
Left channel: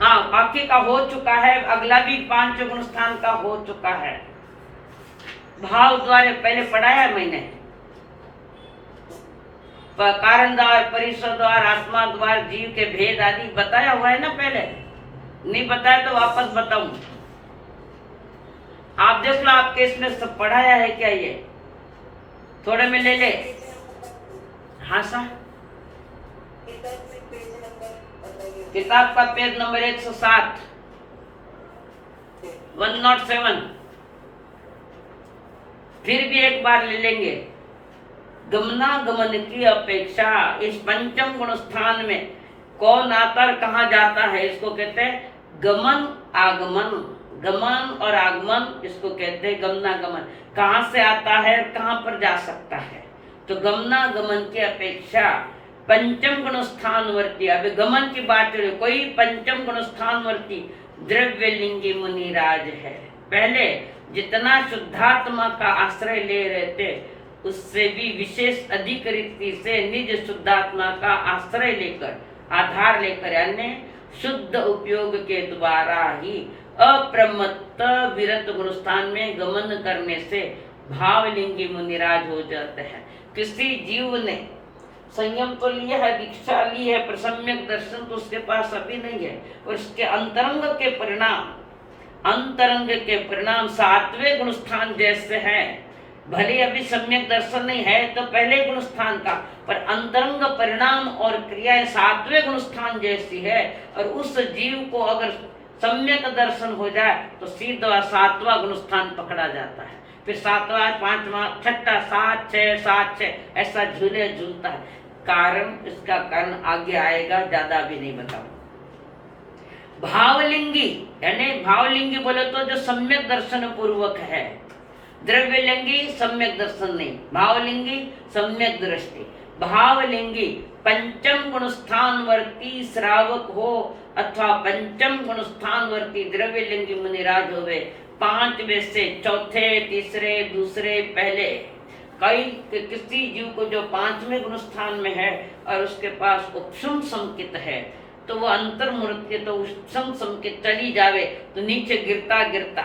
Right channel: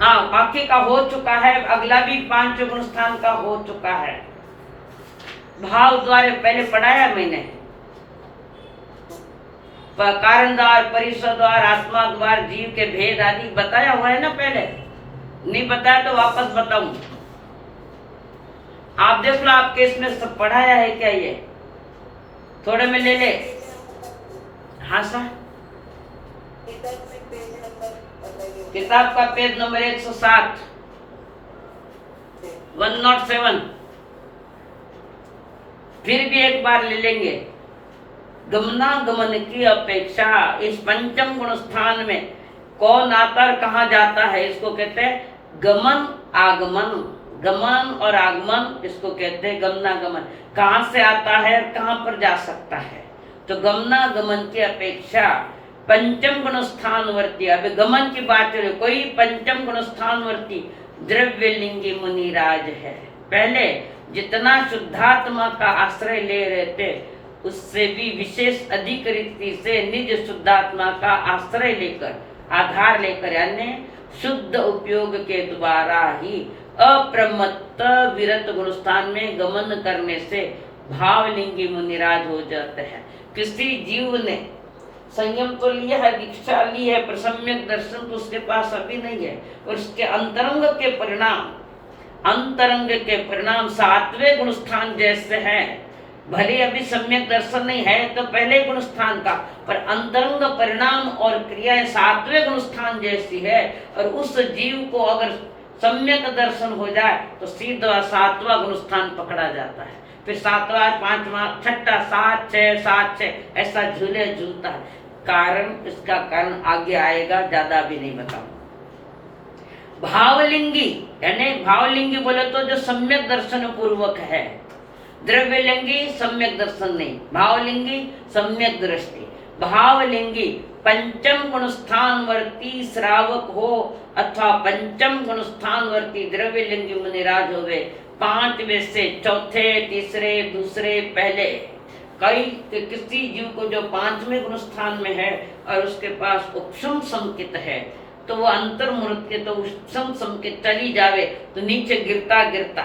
हाँ बाकी का हो चुका है, अगला भी 5 गुण स्थान का हो चुका है। भाव द्वारे पहले पढ़ाया मैंने, कारण द्वार, परिसर द्वार, आत्मा द्वार, जीव के भेद आदि बताया हुआ है ना पहले। नहीं बताया तो वापस बताऊं। आप देख लो, आपके इसमें सब पढ़ाया है क्या? ये थोड़े में ले ले। हाँ सर, किताब का पेज नंबर 107, 107। फिर भी एक बार ले लेंगे। गमनागमन की अपेक्षा इस पंचम गुण स्थान में कौन आता और कहाँ जाता है, इसको कहते हैं गमन आगमन। गमन और आगमन इसको कहते हैं गमनागमन। कहाँ से आता है, कहाँ पर जा सकता है। तो गमनागमन की अपेक्षा पंचम गुण स्थानवर्ती, अब गमन की बात करें, कोई पंचम गुण स्थानवर्ती द्रव्यलिंगी मुनिराज है। पहले जितना शुद्धात्मा का आश्रय ले रहे थे, उससे भी विशेष अधिक रीति से निज शुद्धात्मा का आश्रय लेकर, आधार लेकर, यानी शुद्ध उपयोग के द्वारा ही अप्रमत्त विरत गुणस्थान में गमन करने से भावलिंगी मुनिराज हो जाते हैं। किसी जीव ने संयम तो लिया है, दीक्षा ली है, पर सम्यक दर्शन तो उसके पास अभी नहीं है। और उसके अंतरंग के परिणाम 7वें गुणस्थान जैसे हैं। भले अभी सम्यक दर्शन नहीं है तो पहले गुणस्थान का, पर अंतरंग परिणाम और क्रियाएं 7वें गुणस्थान जैसी है। और उस जीव को अगर सम्यक दर्शन हो जाए तो सीधा 7वां गुणस्थान पकड़ा जाता है। फिर 7वां, 5वां, 6ठा, 7, 6, 7, 6 ऐसा झूले झूलता है। कारण, इसका कारण आगे आएगा, ज्यादा भी नहीं बताऊं। भावलिंगी यानी भावलिंगी बोले तो जो सम्यक दर्शन पूर्वक है। द्रव्यलिंगी सम्यक दर्शन नहीं, भावलिंगी सम्यक दृष्टि। भावलिंगी पंचम गुणस्थानवर्ती श्रावक हो अथवा पंचम गुणस्थानवर्ती द्रव्यलिंगी मुनिराज होवे। 5 में से चौथे, तीसरे, दूसरे, पहले। कई किसी जीव को जो 5वें गुणस्थान में है और उसके पास उपशम संकित है, तो वो अंतर्मुहूर्त के तो उपशम संकित चली जावे तो नीचे गिरता गिरता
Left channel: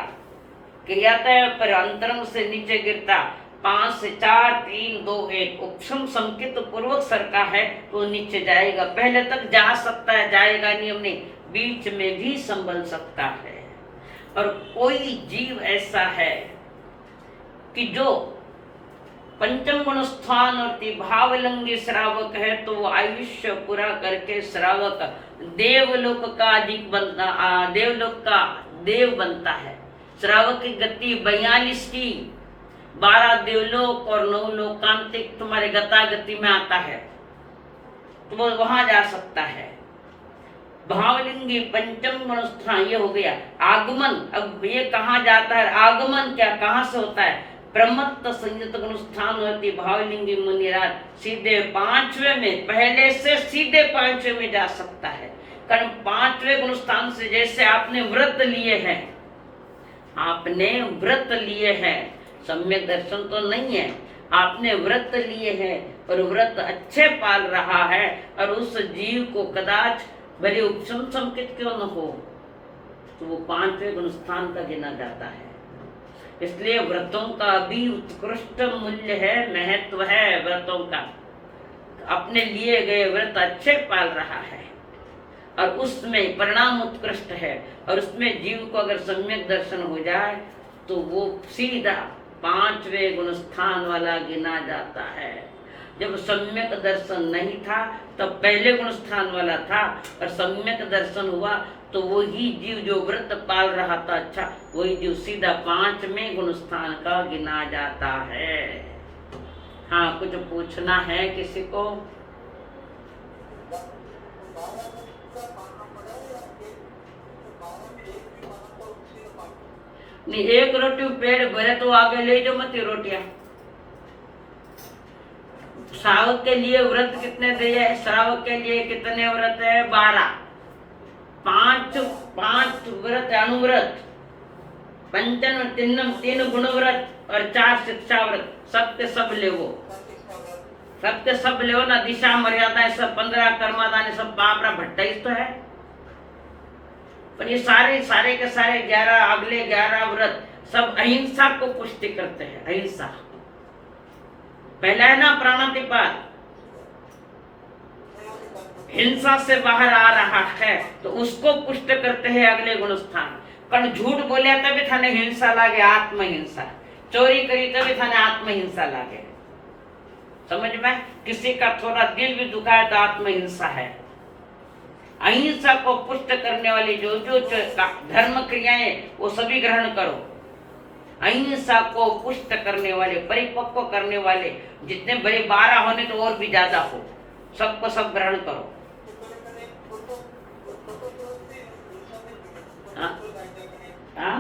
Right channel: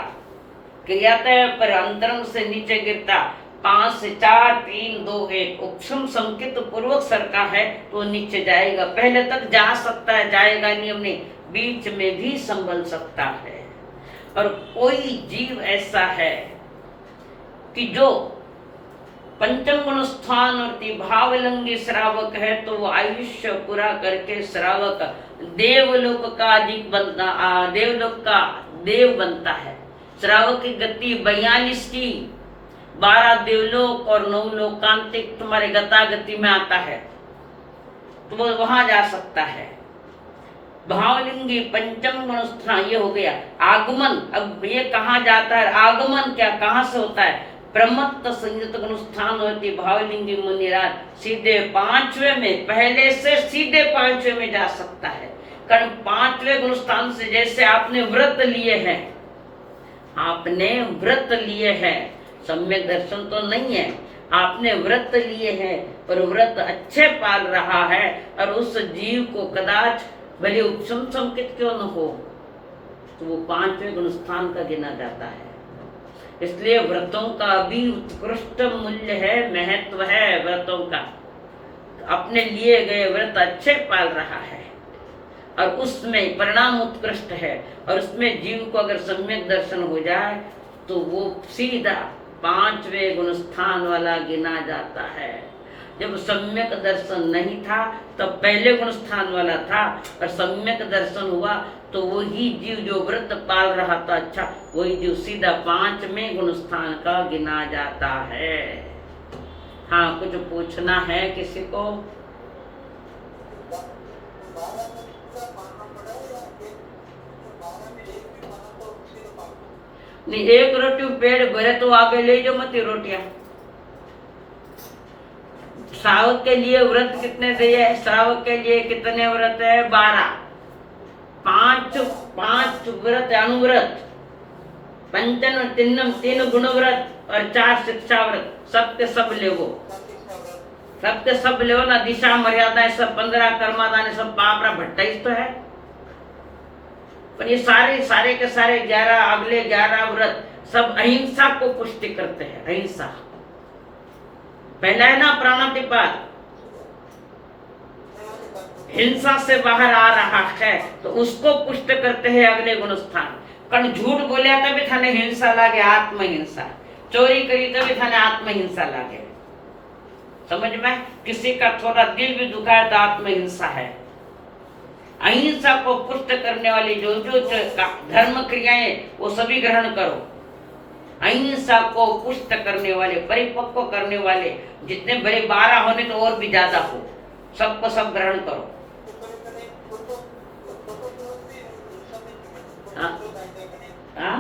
क्रियाता है, पर अंतरंग से नीचे गिरता 5 से 4, 3, 2, 1 उपशम संकित पूर्वक सरका है तो नीचे जाएगा। पहले तक जा सकता है, जाएगा नियम नहीं, बीच में भी संभल सकता है। और कोई जीव ऐसा है कि जो पंचम गुणस्थान और भावलिंगी श्रावक है, तो वो आयुष्य पूरा करके श्रावक देवलोक का अधिक बनता, देवलोक का देव बनता है। श्रावक की गति 42 की, 12 देवलोक और 9 लोकांतिक तुम्हारे गतागति में आता है, तो वो वहां जा सकता है। भावलिंगी पंचम गुणस्थान ये हो गया। आगमन, अब ये कहाँ जाता है, आगमन क्या कहाँ से होता है? प्रमत्त संयुक्त गुणस्थान होती भावलिंगी मुनिराज सीधे 5वें में, पहले से सीधे 5वें में जा सकता है। कारण 5वें गुणस्थान से, जैसे आपने व्रत लिए हैं, आपने व्रत लिए हैं, सम्यक दर्शन तो नहीं है, आपने व्रत लिए हैं और व्रत अच्छे पाल रहा है, और उस जीव को कदाच भले उपशम संकित क्यों न हो, तो वो 5वें गुणस्थान का गिना जाता है। इसलिए व्रतों का भी उत्कृष्ट मूल्य है, महत्व है व्रतों का। अपने लिए गए व्रत अच्छे पाल रहा है और उसमें परिणाम उत्कृष्ट है, और उसमें जीव को अगर सम्यक दर्शन हो जाए तो वो सीधा 5वें गुणस्थान वाला गिना जाता है। जब सम्यक दर्शन नहीं था तब पहले गुणस्थान वाला था, और सम्यक दर्शन हुआ तो वही जीव जो व्रत पाल रहा था, अच्छा वही जीव सीधा 5वें गुणस्थान का गिना जाता है। हाँ, कुछ पूछना है किसी को? नहीं, एक रोटी पेड़ भरे तो आगे ले जाओ मत रोटियां। श्रावक के लिए व्रत कितने दिए? श्रावक के लिए कितने व्रत है? 12। 5 व्रत अनुव्रत, पंचन तिन्नम 3 गुण व्रत और 4 शिक्षा व्रत। सबके सब लेवो, सबके सब लेवो ना। दिशा मर्यादा सब 15 कर्मादान सब पापरा भट्टा ही तो है। पर ये सारे के सारे 11 अगले 11 व्रत सब अहिंसा को पुष्टि करते हैं। अहिंसा पहला है ना, प्राणातिपात। हिंसा से बाहर आ रहा है तो उसको पुष्ट करते हैं अगले गुण स्थान। कण झूठ बोले तभी थाने हिंसा लागे, आत्महिंसा। चोरी करी तभी थाने आत्महिंसा लागे। समझ में? किसी का थोड़ा दिल भी दुखा है तो आत्महिंसा है। अहिंसा को पुष्ट करने वाली जो धर्म क्रियाएं वो सभी ग्रहण करो। अहिंसा को पुष्ट करने वाले, परिपक्व करने वाले जितने बड़े 12 होने तो और भी ज्यादा हो, सबको सब ग्रहण करो। हाँ? हाँ?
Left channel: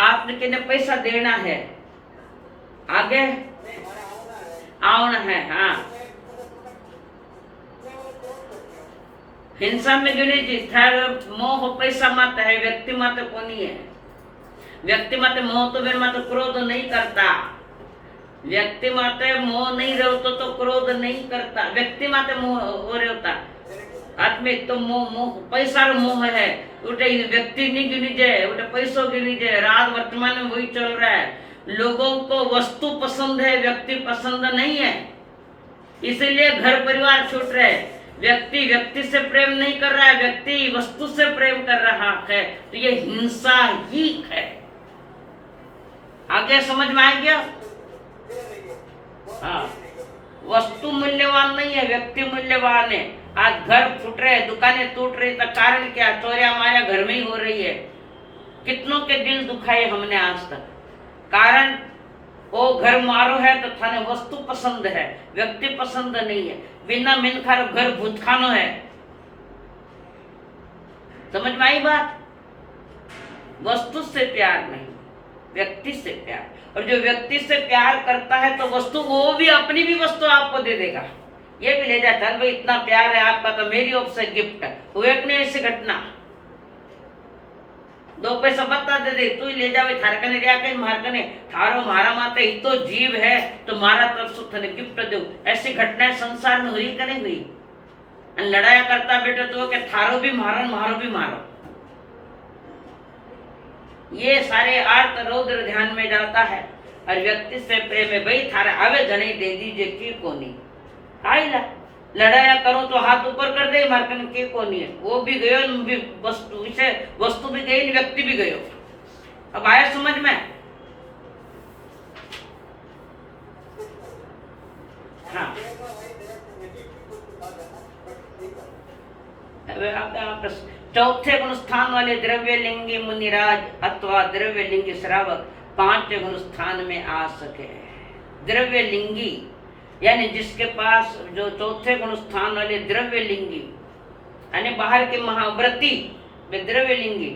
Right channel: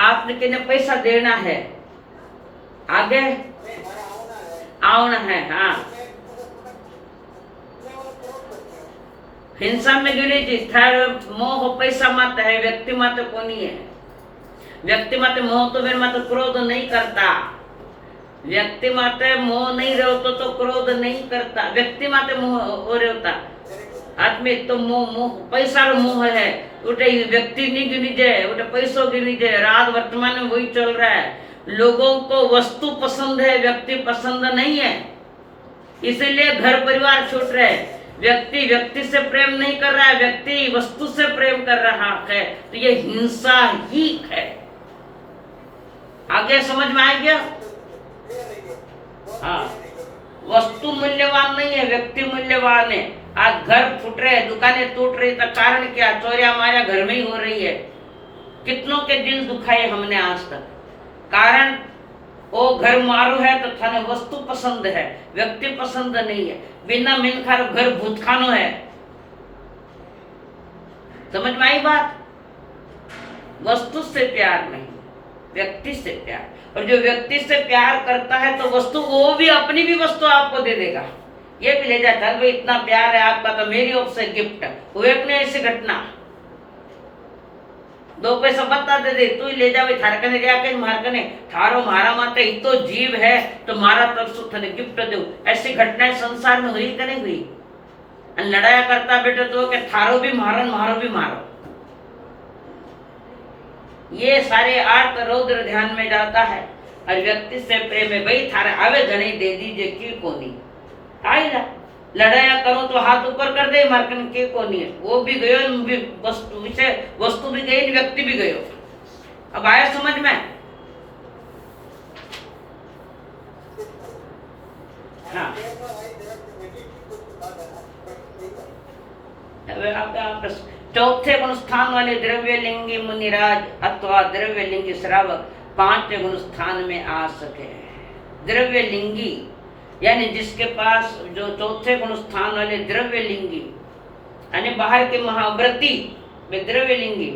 आपने कितने पैसा देना है, आगे आना है। हाँ, हिंसा में जो नहीं मोह पैसा मत है, व्यक्ति मत को नहीं है। व्यक्ति मत मोह तो फिर मत क्रोध नहीं करता। व्यक्ति मत मोह नहीं रहता तो क्रोध नहीं करता। व्यक्ति मत मोह हो रहता आदमी तो मोह पैसा रो मोह है। उठे व्यक्ति नहीं गिनी जाए, उठे पैसों गिनी जाए। रात वर्तमान में वही चल रहा है। लोगों को वस्तु पसंद है, व्यक्ति पसंद नहीं है, इसीलिए घर परिवार छूट रहे। व्यक्ति से प्रेम नहीं कर रहा है, व्यक्ति वस्तु से प्रेम कर रहा है, तो ये हिंसा ही है। आगे समझ में आ गया? हाँ, वस्तु मूल्यवान नहीं है, व्यक्ति मूल्यवान है। आज घर फूट रहे, दुकानें टूट रही, तो कारण क्या? चोरियां हमारे घर में ही हो रही है। कितनों के दिल दुखाए हमने आज तक। कारण वो घर मारो है तो थाने वस्तु पसंद है, व्यक्ति पसंद नहीं है। बिना मिनखार घर भूतखानो है। समझ में आई बात? वस्तु से प्यार नहीं, व्यक्ति से प्यार। और जो व्यक्ति से प्यार करता है तो वस्तु, वो भी अपनी भी वस्तु आपको दे देगा। ये भी ले जाता है, भाई इतना प्यार है आपका तो मेरी ओर से गिफ्ट। वो एक ने ऐसी घटना, 2 पैसा बता दे दे, तू ले जावे थारकने रिया के मारकने थारो मारा माते इतो जीव है तो मारा तरफ से थने गिफ्ट दो। ऐसी घटनाएं संसार में हुई कि नहीं हुई? लड़ाया करता बेटे तो के थारो भी मारो, मारो भी मारो। ये सारे अर्थ रौद्र ध्यान में जाता है। और व्यक्ति से प्रेम है, भाई थारे आवे जने दे दीजिए की कोनी आईला। लड़ाया करो तो हाथ ऊपर कर दे, मारकन के कोनी है। वो भी गयो, वस्तु भी गई, व्यक्ति भी गयो। अब आया समझ में? हाँ, चौथे गुण स्थान वाले द्रव्य लिंगी मुनिराज अथवा द्रव्य लिंगी श्रावक 5 गुण स्थान में आ सके। द्रव्य लिंगी यानी जिसके पास जो चौथे गुण स्थान वाले द्रव्य लिंगी यानी बाहर के महाव्रती में द्रव्य लिंगी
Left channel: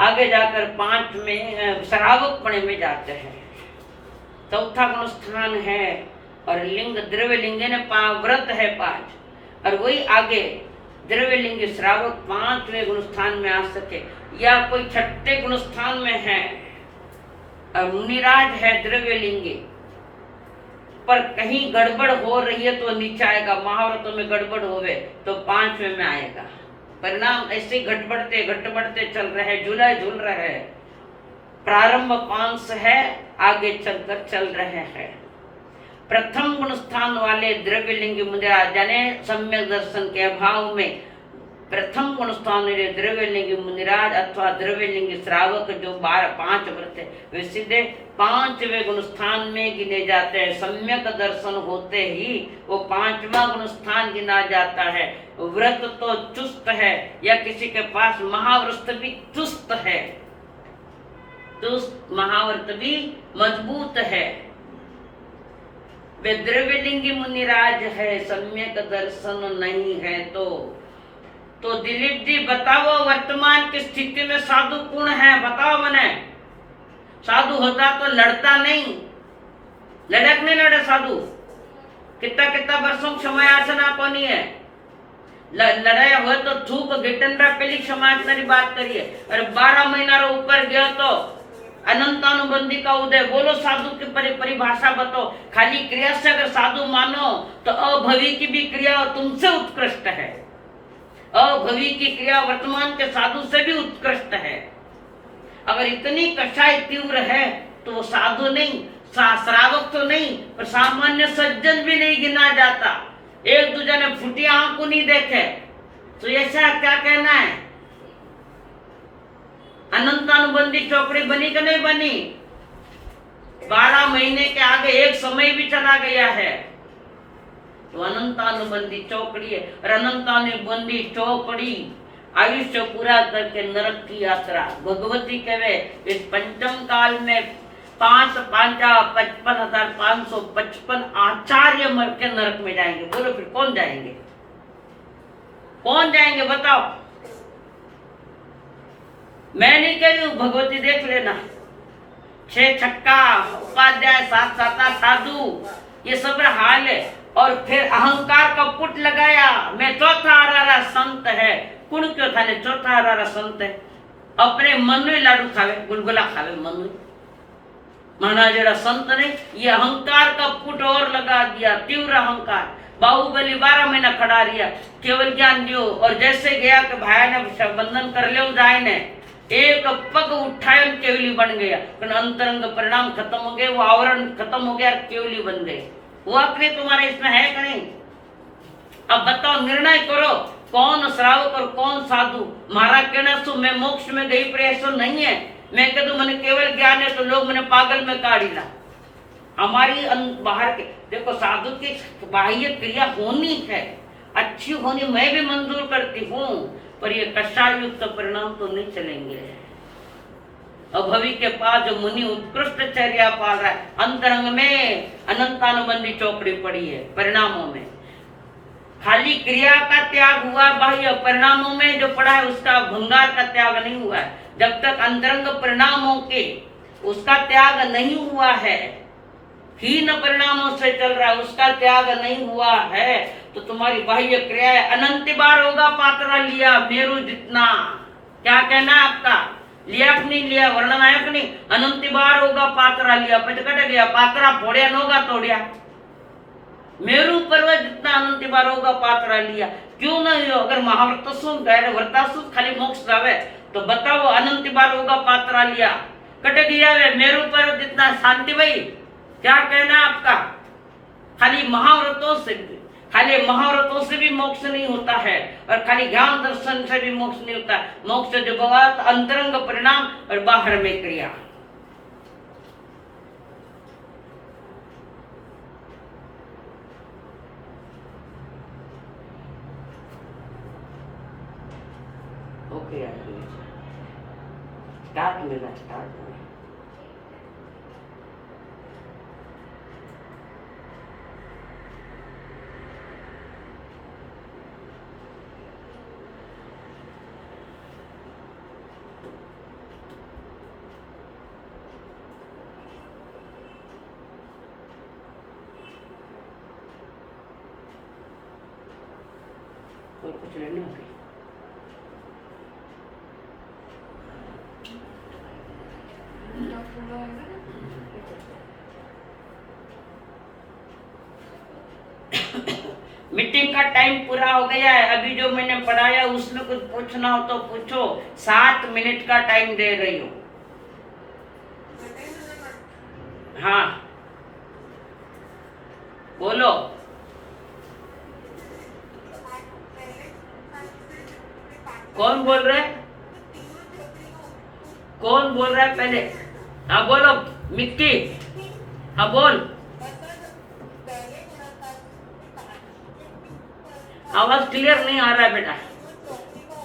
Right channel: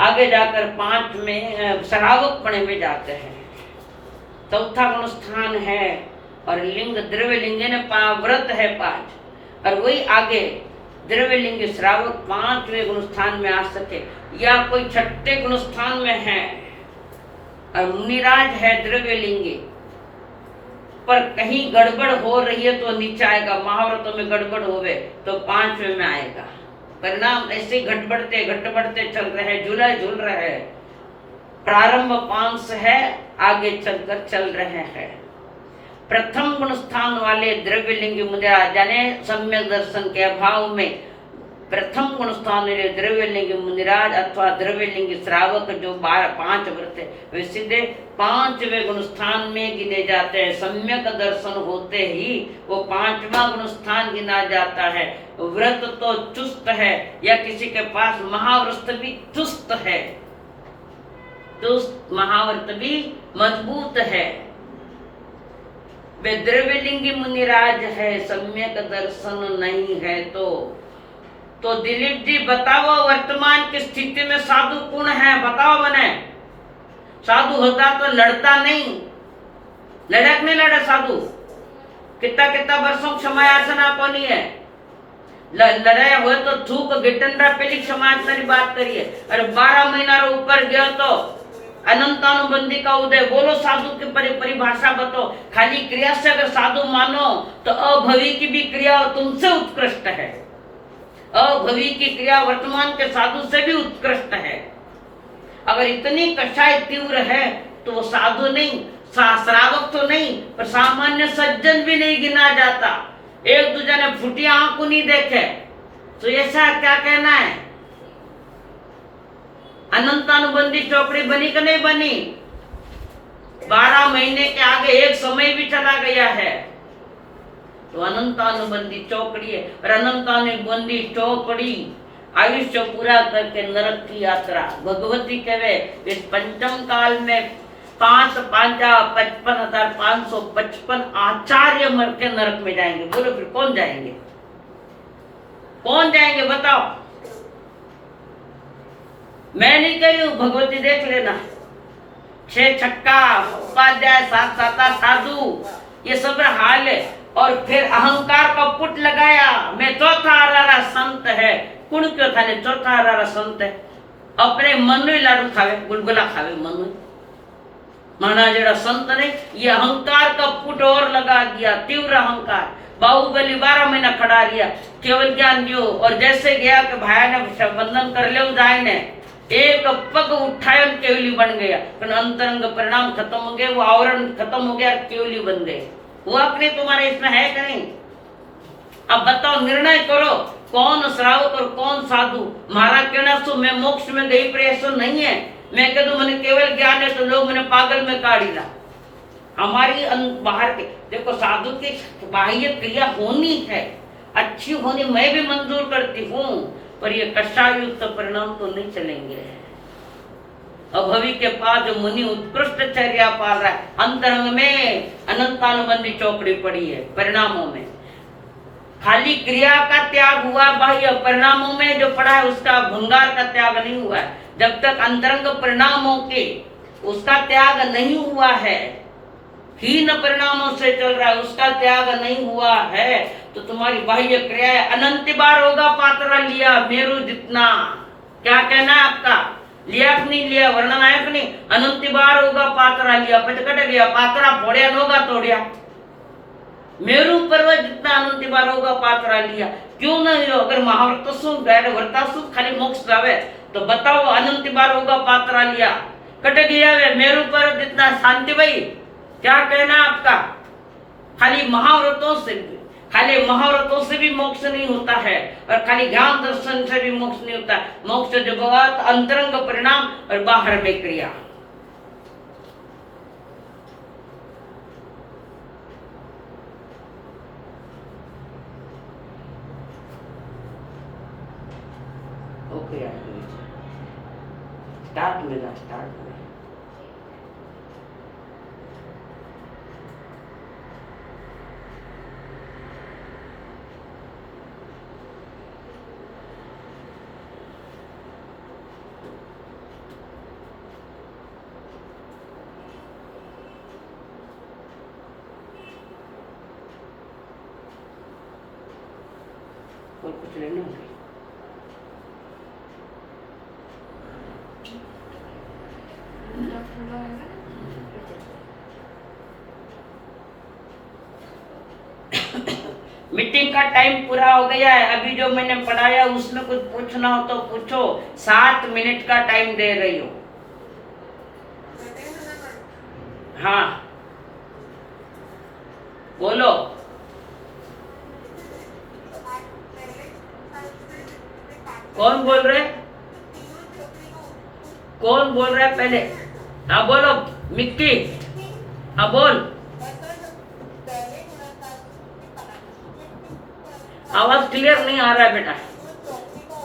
आगे जाकर 5 में श्रावक पणे में जाते हैं। चौथा गुण स्थान है और लिंग द्रव्य लिंग ने व्रत है 5 और वही आगे द्रव्य लिंग श्रावक 5वें गुण स्थान में आ सके या कोई 6ठे गुण स्थान में है और मुनिराज है द्रव्य लिंगी पर कहीं गड़बड़ हो रही है तो नीचे आएगा। महाव्रतों में गड़बड़ होवे तो 5वें में आएगा। परिणाम ऐसे घटबढ़ते चल रहे हैं, झूल रहे हैं। प्रारंभ 5 है, आगे चलकर चल रहे हैं। प्रथम गुण स्थान वाले द्रव्य लिंग मुनिराज जाने सम्यक दर्शन के अभाव में प्रथम गुण स्थान वाले द्रव्य लिंग मुनिराज अथवा द्रव्य लिंग श्रावक जो 5 व्रत है वे सीधे 5वें गुण स्थान में गिने जाते हैं। सम्यक दर्शन होते ही वो 5वां गुण स्थान गिना जाता है। व्रत तो चुस्त है या किसी के पास महाव्रत भी चुस्त है, चुस्त महाव्रत भी मजबूत है। वे द्रव्यलिंगी मुनिराज है, सम्यक दर्शन नहीं है तो दिलीप जी बताओ, वर्तमान की स्थिति में साधु कौन है? बताओ मने। साधु होता तो लड़ता नहीं, लड़क नहीं लड़े साधु। कितना कितना वर्षों क्षमा याचना कोनी है, लड़ाया हुए तो थूक गिटनरा पेली क्षमा याचना बात करिए। अरे 12 महीना रो ऊपर गयो तो अनंतानुबंधी का उदय। बोलो साधु की परिभाषा बताओ। खाली क्रिया से अगर साधु मानो तो अभवी की भी क्रिया तुमसे उत्कृष्ट है। अभवी की क्रिया वर्तमान के साधु से भी उत्कृष्ट है। अगर इतनी कषाय तीव्र है तो वो साधु नहीं, श्रावक तो नहीं, पर सामान्य सज्जन भी नहीं गिना जाता। एक दूसरे ने फुटी आंख को नहीं देखे तो ऐसा क्या कहना है? अनंतानुबंधी चौकड़ी बनी कि नहीं बनी? 12 महीने के आगे एक समय भी चला गया है तो अनंतानुबंधी चौकड़ी है। और अनंतानुबंधी चौकड़ी आयुष्य पूरा करके नरक की यात्रा। भगवती कहे इस पंचम काल में 55,555 आचार्य मर के नरक में जाएंगे। बोलो फिर कौन जाएंगे? कौन जाएंगे बताओ? मैं नहीं कह रही हूं, भगवती देख लेना। 6 छक्का उपाध्याय 7 साता साधु ये सब हाल है। और फिर अहंकार का पुट लगाया, मैं चौथा आरारा संत है। कुण क्यों था ने चौथा आरारा संत है? अपने मन में लाडू खावे, गुलगुला खावे मन में। माना जेड़ा संत ने ये अहंकार का पुट और लगा दिया, तीव्र अहंकार। बाहुबली 12 महीना खड़ा रिया, केवल ज्ञान दियो। और जैसे गया कि भाई ने बंधन कर ले जाए ने, एक पग उठायो केवली बन गया। पर अंतरंग परिणाम खत्म हो गए, वो आवरण खत्म हो गया, केवली बन गए। हुआ कि नहीं? तुम्हारे इसमें है कि नहीं? अब बताओ, निर्णय करो कौन श्रावक और कौन साधु। मारा कहना सो मैं मोक्ष में गई प्रयास नहीं है। मैं कह दूं मैंने केवल ज्ञान है तो लोग मैंने पागल में काढ़ी ला। हमारी बाहर के देखो, साधु की बाह्य क्रिया होनी है, अच्छी होनी मैं भी मंजूर करती हूँ, पर ये कषाय युक्त परिणाम तो नहीं चलेंगे। अभवी के पास जो मुनि उत्कृष्ट चर्या पाल रहा है, अंतरंग में अनंतानुबंधी चौकड़ी पड़ी है। परिणामों में खाली क्रिया का त्याग हुआ, बाह्य परिणामों में जो पड़ा है उसका भंगार का त्याग नहीं हुआ है। जब तक अंतरंग परिणामों के उसका त्याग नहीं हुआ है, हीन परिणामों से चल रहा है, उसका त्याग नहीं हुआ है, तो तुम्हारी बाह्य क्रिया अनंत बार होगा। पात्रा लिया मेरू जितना, क्या कहना है आपका? लिया कि नहीं लिया? वर्णन आया कि नहीं? अनंत बार होगा पात्रा लिया, पचकट गया, पात्रा फोड़िया नोगा तोड़िया। मेरू पर्वत जितना अनंत बार होगा पात्रा लिया। क्यों नहीं हो? अगर महाव्रत सुन गए व्रतासु खाली मोक्ष जावे तो बताओ, अनंत बार होगा पात्रा लिया, कट गया वे मेरू पर्वत जितना। शांति भाई क्या कहना आपका? खाली महाव्रतों से भी मोक्ष नहीं होता है, और खाली ज्ञान दर्शन से भी मोक्ष नहीं होता। मोक्ष जो भगवत अंतरंग परिणाम और बाहर में क्रिया। ओके स्टार्ट मेरा स्टार्ट में और कुछ लेना है? मीटिंग का टाइम पूरा हो गया है। अभी जो मैंने पढ़ाया उसमें कुछ पूछना हो तो पूछो। 7 मिनट का टाइम दे रही हूँ। हाँ बोलो। कौन बोल रहे? कौन बोल रहा है पहले? हाँ बोलो मिक्की। हाँ बोल। आवाज क्लियर नहीं आ रहा है बेटा।